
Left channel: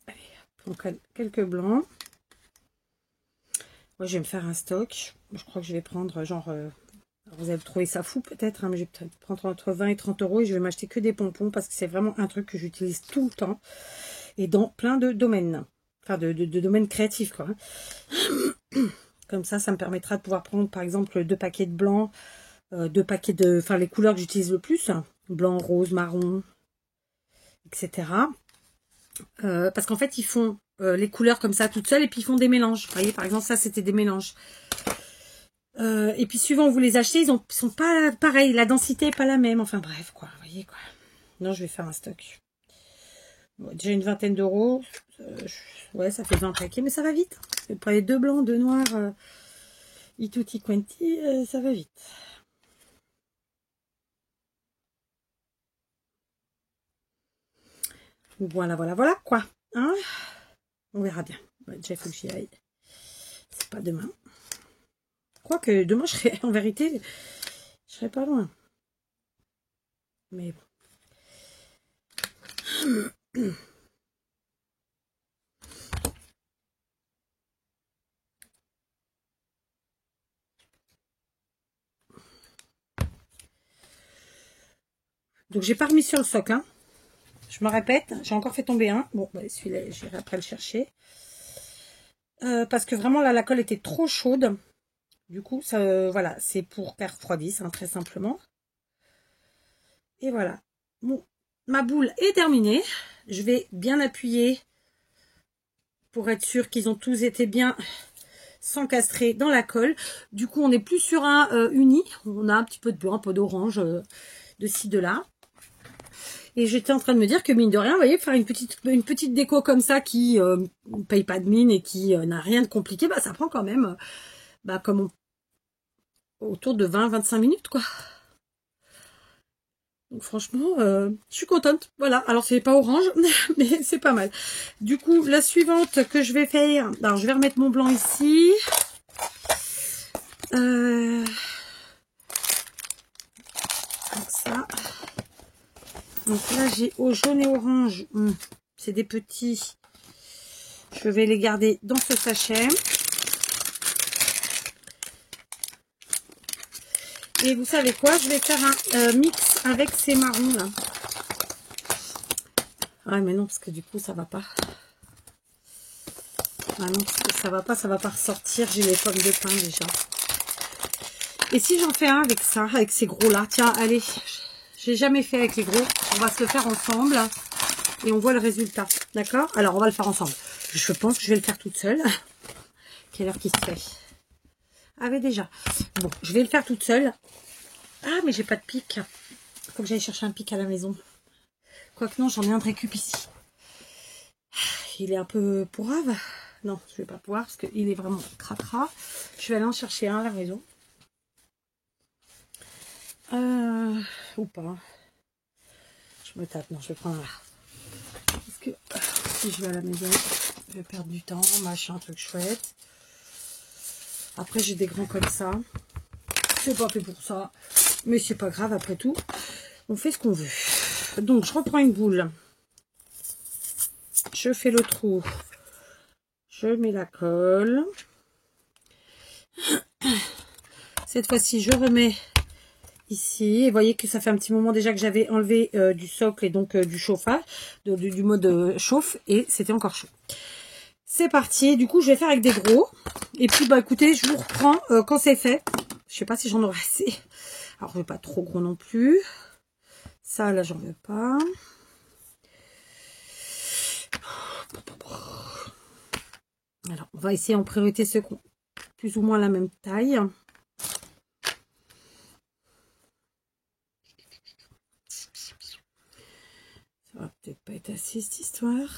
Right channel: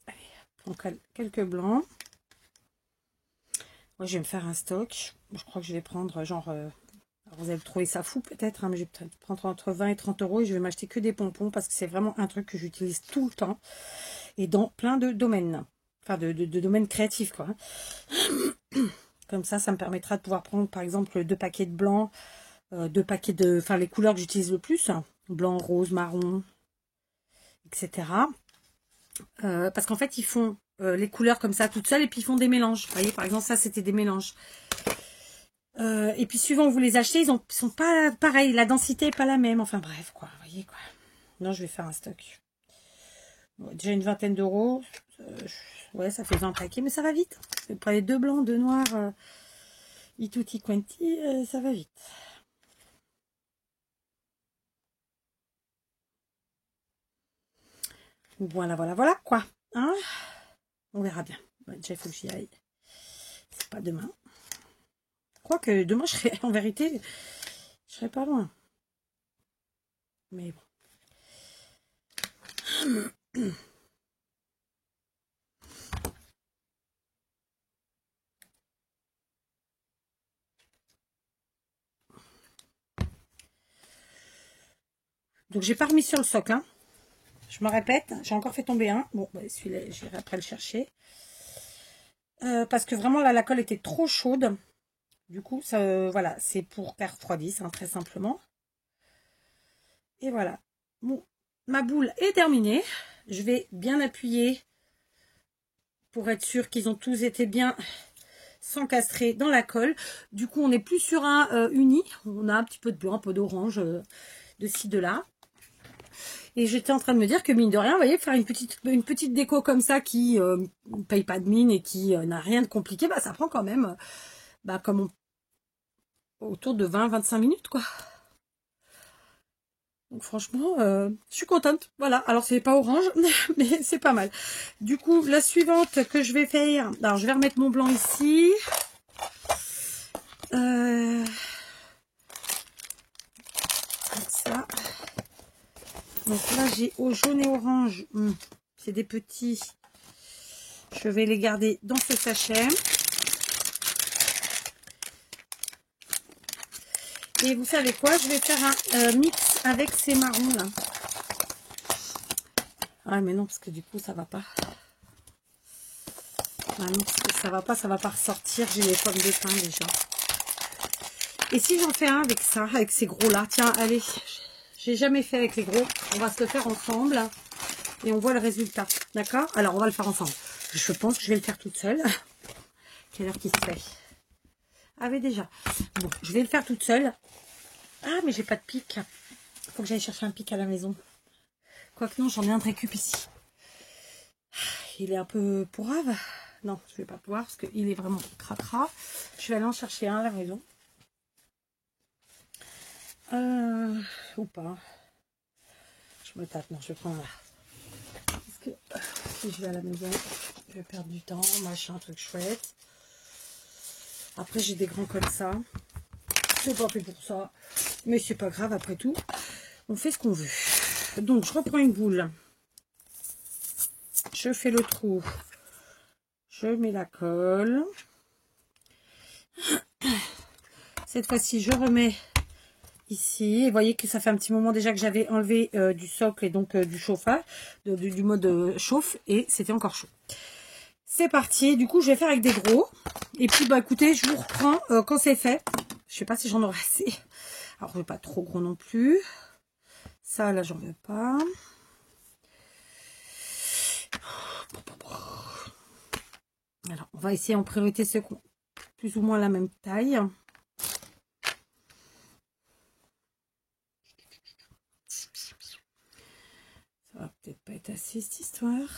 Allez, on colle quelques blancs. Moi, je vais me faire un stock. Je crois que je vais prendre genre, vous allez trouver ça fou peut-être, hein, mais je vais peut-être prendre entre 20 et 30 € et je vais m'acheter que des pompons parce que c'est vraiment un truc que j'utilise tout le temps et dans plein de domaines. Enfin, de domaines créatifs, quoi. Comme ça me permettra de pouvoir prendre, par exemple, 2 paquets de blanc, 2 paquets de... Enfin, les couleurs que j'utilise le plus, hein, blanc, rose, marron, etc. Parce qu'en fait, ils font les couleurs comme ça toutes seules et puis ils font des mélanges. Vous voyez, par exemple, ça, c'était des mélanges. Et puis, suivant où vous les achetez, ils sont pas pareils. La densité n'est pas la même. Enfin, bref, quoi. Vous voyez, quoi. Non, je vais faire un stock. Bon, déjà une vingtaine d'euros. Ouais, ça fait 20 paquets, mais ça va vite. Pour les 2 blancs, 2 noirs, tutti quanti, ça va vite. Voilà, quoi. Hein, on verra bien. Ouais, déjà, il faut que j'y aille. C'est pas demain. Quoique, demain, je serai, en vérité, je serai pas loin. Mais bon. Donc, j'ai pas remis sur le socle, hein. Je me répète, j'ai encore fait tomber un. Bon, bah, celui-là, j'irai après le chercher. Parce que vraiment, là, la colle était trop chaude. Du coup, ça, voilà, c'est pour qu'elle refroidisse, hein, très simplement. Et voilà. Bon, ma boule est terminée. Je vais bien appuyer pour être sûr qu'ils ont tous été bien s'encastrer dans la colle. Du coup, on n'est plus sur un uni. On a un petit peu de blanc, un peu d'orange, de ci, de là. Et j'étais en train de me dire que mine de rien, vous voyez, faire une petite déco comme ça qui ne paye pas de mine et qui n'a rien de compliqué, bah ça prend quand même comme autour de 20-25 minutes, quoi. Donc franchement, je suis contente. Voilà, alors c'est pas orange, mais c'est pas mal. Du coup, la suivante que je vais faire, alors je vais remettre mon blanc ici. Ça. Donc là, j'ai au jaune et orange. C'est des petits. Je vais les garder dans ce sachet. Et vous savez quoi? Je vais faire un mix avec ces marrons là. Ah mais non, parce que du coup, ça va pas. Ah non, parce que ça va pas ressortir. J'ai les pommes de pin déjà. Et si j'en fais un avec ça, avec ces gros là, tiens, allez, j'ai jamais fait avec les gros, on va se le faire ensemble et on voit le résultat, d'accord? Alors on va le faire ensemble. Je pense que je vais le faire toute seule. Quelle heure qu'il se fait? Ah mais déjà, bon, je vais le faire toute seule. Ah mais j'ai pas de pic, faut que j'aille chercher un pic à la maison. Quoique non, j'en ai un de récup ici. Il est un peu pourrave. Non, je vais pas pouvoir parce qu'il est vraiment cracra. Je vais aller en chercher un à la maison. Ou pas. Je me tape, non, je vais prendre là. Parce que si je vais à la maison, je vais perdre du temps, machin, truc chouette. Après, j'ai des grands comme ça. C'est pas fait pour ça. Mais c'est pas grave, après tout. On fait ce qu'on veut. Donc, je reprends une boule. Je fais le trou. Je mets la colle. Cette fois-ci, je remets ici. Et vous voyez que ça fait un petit moment déjà que j'avais enlevé du socle et donc du chauffage, du mode chauffe, et c'était encore chaud. C'est parti. Du coup, je vais faire avec des gros. Et puis, bah écoutez, je vous reprends quand c'est fait. Je sais pas si j'en aurai assez. Alors, je veux pas trop gros non plus. Ça, là, j'en veux pas. Alors, on va essayer en priorité ceux qui ont plus ou moins la même taille. Ça va peut-être pas être assez cette histoire.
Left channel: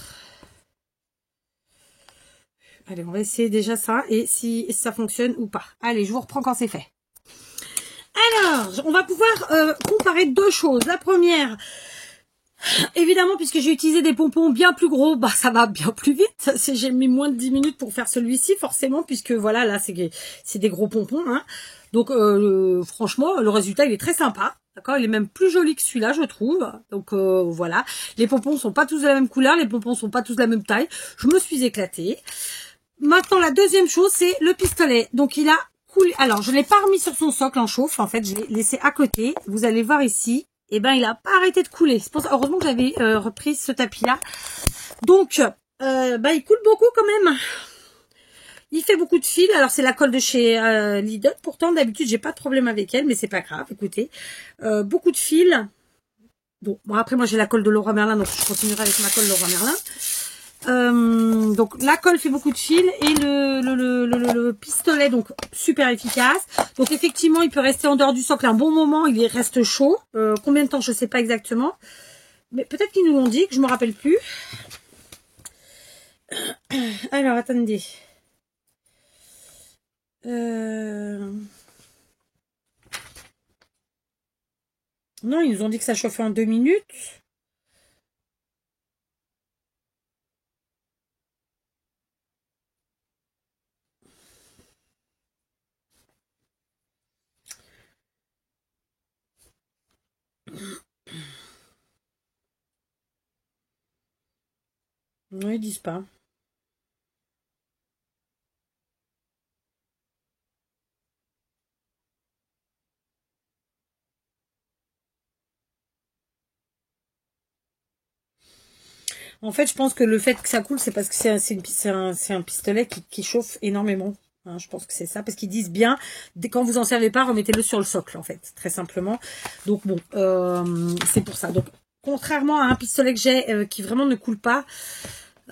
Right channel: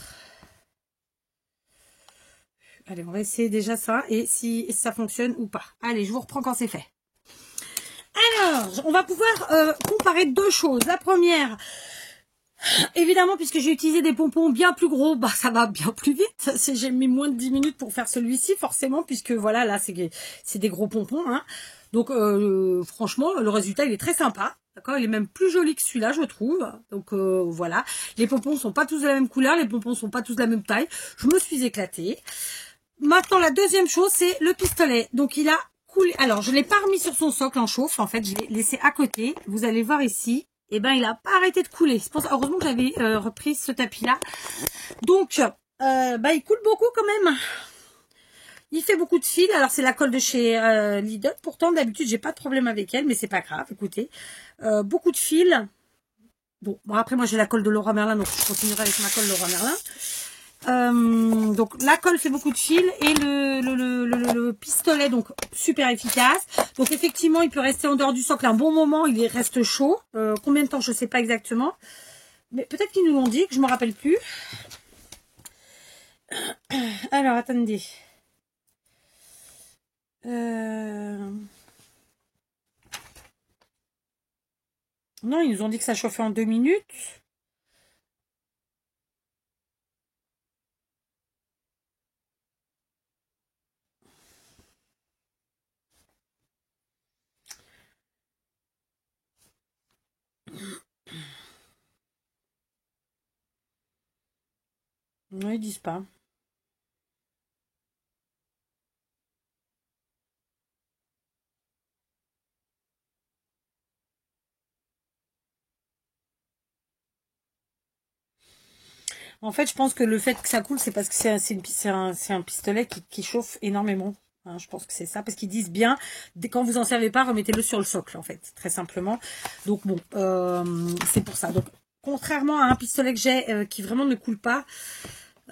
Allez, on va essayer déjà ça et si ça fonctionne ou pas. Allez, je vous reprends quand c'est fait. Alors, on va pouvoir comparer deux choses. La première, évidemment, puisque j'ai utilisé des pompons bien plus gros, bah ça va bien plus vite. J'ai mis moins de 10 minutes pour faire celui-ci, forcément, puisque voilà, là, c'est des gros pompons. Hein. Donc, franchement, le résultat, il est très sympa. D'accord, il est même plus joli que celui-là, je trouve. Donc, voilà. Les pompons sont pas tous de la même couleur, les pompons sont pas tous de la même taille. Je me suis éclatée. Maintenant, la deuxième chose, c'est le pistolet. Donc, il a coulé. Alors, je ne l'ai pas remis sur son socle en chauffe. En fait, je l'ai laissé à côté. Vous allez voir ici. Et ben, il n'a pas arrêté de couler. C'est pour ça, heureusement que j'avais repris ce tapis-là. Donc, il coule beaucoup quand même. Il fait beaucoup de fils. Alors, c'est la colle de chez Lidl. Pourtant, d'habitude, j'ai pas de problème avec elle, mais c'est pas grave. Écoutez, beaucoup de fils. Bon, après, moi, j'ai la colle de Leroy Merlin, donc je continuerai avec ma colle Leroy Merlin. Donc la colle fait beaucoup de fils et le pistolet donc super efficace. Donc effectivement il peut rester en dehors du socle un bon moment, il reste chaud. Combien de temps je sais pas exactement, mais peut-être qu'ils nous l'ont dit, que je me rappelle plus. Alors attendez. Non, ils nous ont dit que ça chauffait en 2 minutes. Non, ils disent pas. En fait, je pense que le fait que ça coule, c'est parce que c'est un pistolet qui chauffe énormément. Hein, je pense que c'est ça, parce qu'ils disent bien, quand vous en servez pas, remettez-le sur le socle, en fait, très simplement. Donc bon, c'est pour ça. Donc, contrairement à un pistolet que j'ai qui vraiment ne coule pas,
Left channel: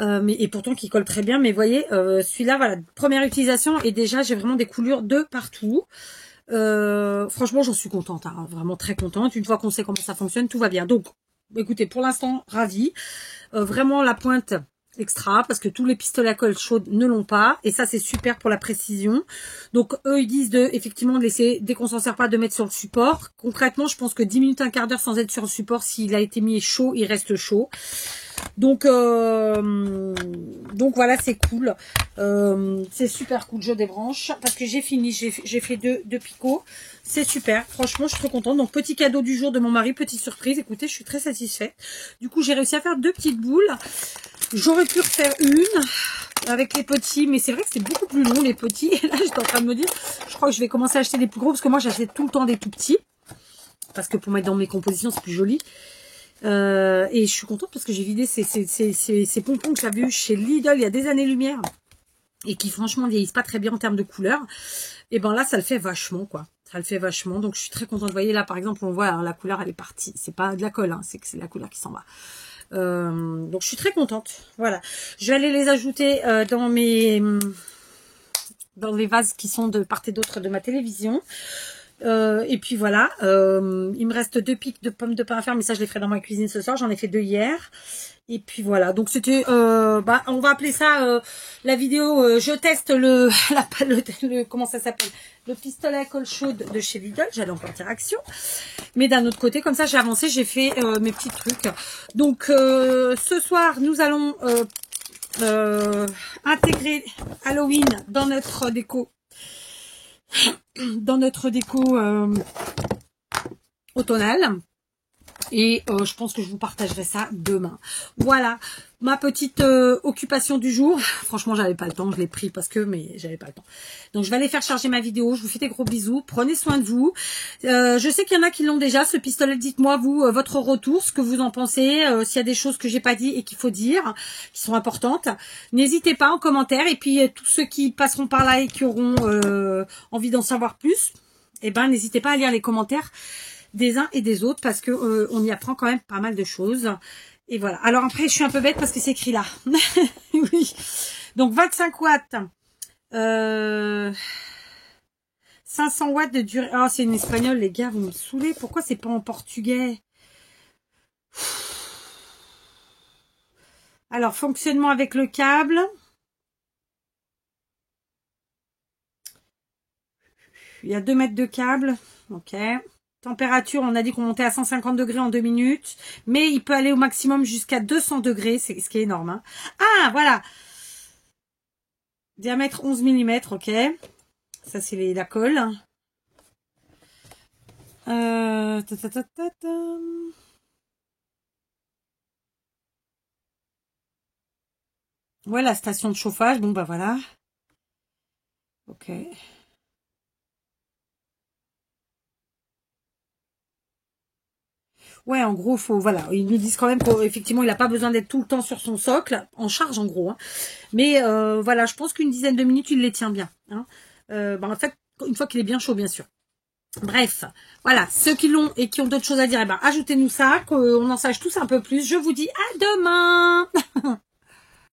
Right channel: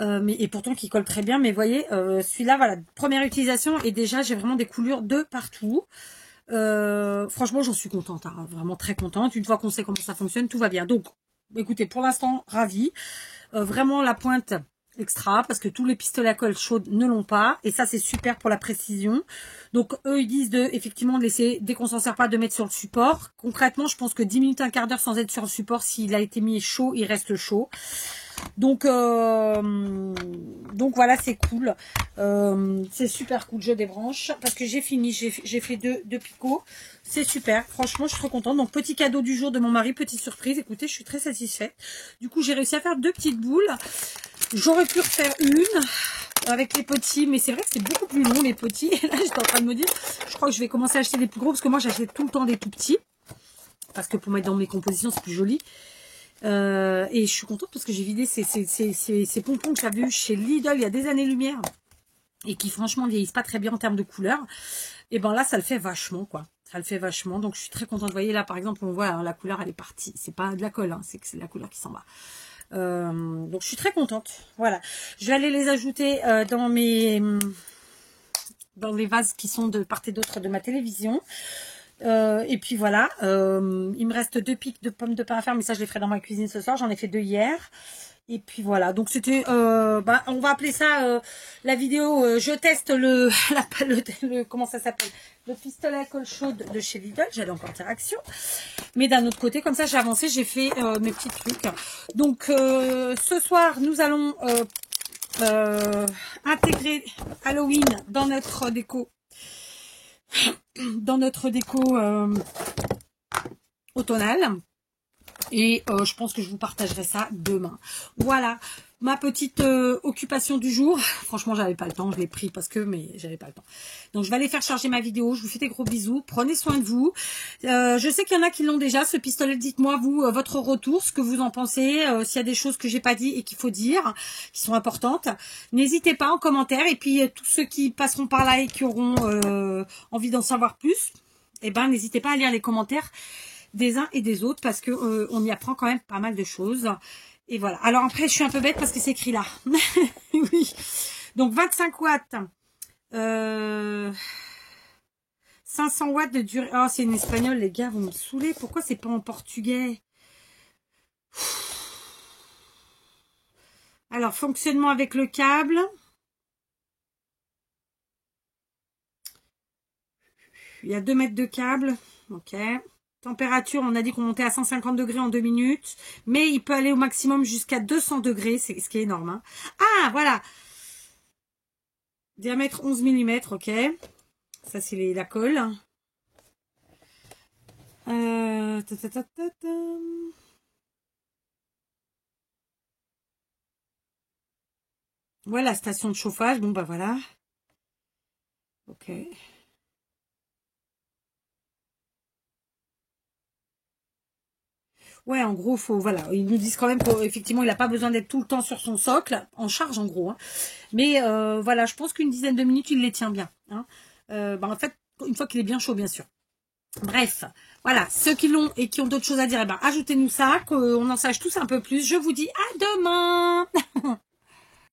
et pourtant qui colle très bien, mais vous voyez, celui-là, voilà, première utilisation, et déjà, j'ai vraiment des coulures de partout. Franchement, j'en suis contente, hein, vraiment très contente. Une fois qu'on sait comment ça fonctionne, tout va bien. Donc, écoutez, pour l'instant, ravie. Vraiment la pointe extra, parce que tous les pistolets à colle chaude ne l'ont pas, et ça c'est super pour la précision. Donc eux ils disent effectivement de laisser, dès qu'on s'en sert pas, de mettre sur le support. Concrètement je pense que 10 minutes, un quart d'heure sans être sur le support, s'il a été mis chaud, il reste chaud. Donc voilà, c'est cool. C'est super cool. Je débranche parce que j'ai fini. J'ai fait deux picots. C'est super. Franchement, je suis trop contente. Donc, petit cadeau du jour de mon mari. Petite surprise. Écoutez, je suis très satisfaite. Du coup, j'ai réussi à faire 2 petites boules. J'aurais pu refaire une avec les petits. Mais c'est vrai que c'est beaucoup plus long, les petits. Et là, j'étais en train de me dire, je crois que je vais commencer à acheter des plus gros. Parce que moi, j'achète tout le temps des tout petits. Parce que pour mettre dans mes compositions, c'est plus joli. Et je suis contente parce que j'ai vidé ces pompons que j'avais eu chez Lidl il y a des années-lumière et qui franchement vieillissent pas très bien en termes de couleur. Et ben là ça le fait vachement quoi, ça le fait vachement, donc je suis très contente. Vous voyez là par exemple on voit alors, la couleur elle est partie, c'est pas de la colle, hein, c'est que c'est la couleur qui s'en va. Donc je suis très contente. Voilà, je vais aller les ajouter dans les vases qui sont de part et d'autre de ma télévision. Et puis voilà, il me reste 2 pics de pommes de pain à faire, mais ça je les ferai dans ma cuisine ce soir, j'en ai fait 2 hier. Et puis voilà, donc c'était, on va appeler ça la vidéo, je teste comment ça s'appelle, le pistolet à colle chaude de chez Lidl. J'allais en interaction, mais d'un autre côté, comme ça j'ai avancé, j'ai fait mes petits trucs. Donc ce soir, nous allons intégrer Halloween dans notre déco. Automnale, et je pense que je vous partagerai ça demain. Voilà, ma petite occupation du jour. Franchement, j'avais pas le temps, je l'ai pris parce que, mais j'avais pas le temps. Donc, je vais aller faire charger ma vidéo. Je vous fais des gros bisous. Prenez soin de vous. Je sais qu'il y en a qui l'ont déjà, ce pistolet. Dites-moi, vous, votre retour, ce que vous en pensez, s'il y a des choses que j'ai pas dit et qu'il faut dire, qui sont importantes. N'hésitez pas en commentaire. Et puis, tous ceux qui passeront par là et qui auront envie d'en savoir plus, eh ben, n'hésitez pas à lire les commentaires des uns et des autres parce que on y apprend quand même pas mal de choses. Et voilà. Alors après, je suis un peu bête parce que c'est écrit là. Oui. Donc 25 watts. 500 watts de durée. Oh, c'est une espagnole, les gars, vous me saoulez. Pourquoi c'est pas en portugais? Alors, fonctionnement avec le câble. Il y a 2 mètres de câble. Ok. Température, on a dit qu'on montait à 150 degrés en 2 minutes. Mais il peut aller au maximum jusqu'à 200 degrés. C'est ce qui est énorme. Hein. Ah, voilà. Diamètre 11 mm. Ok. Ça, c'est la colle. Ouais, la station de chauffage. Bon, bah voilà. Ok. Ouais, en gros, faut, voilà, ils nous disent quand même qu'effectivement, il n'a pas besoin d'être tout le temps sur son socle, en charge en gros. Hein. Mais voilà, je pense qu'une dizaine de minutes, il les tient bien. Hein. En fait, une fois qu'il est bien chaud, bien sûr. Bref, voilà, ceux qui l'ont et qui ont d'autres choses à dire, eh ben, ajoutez-nous ça, qu'on en sache tous un peu plus. Je vous dis à demain.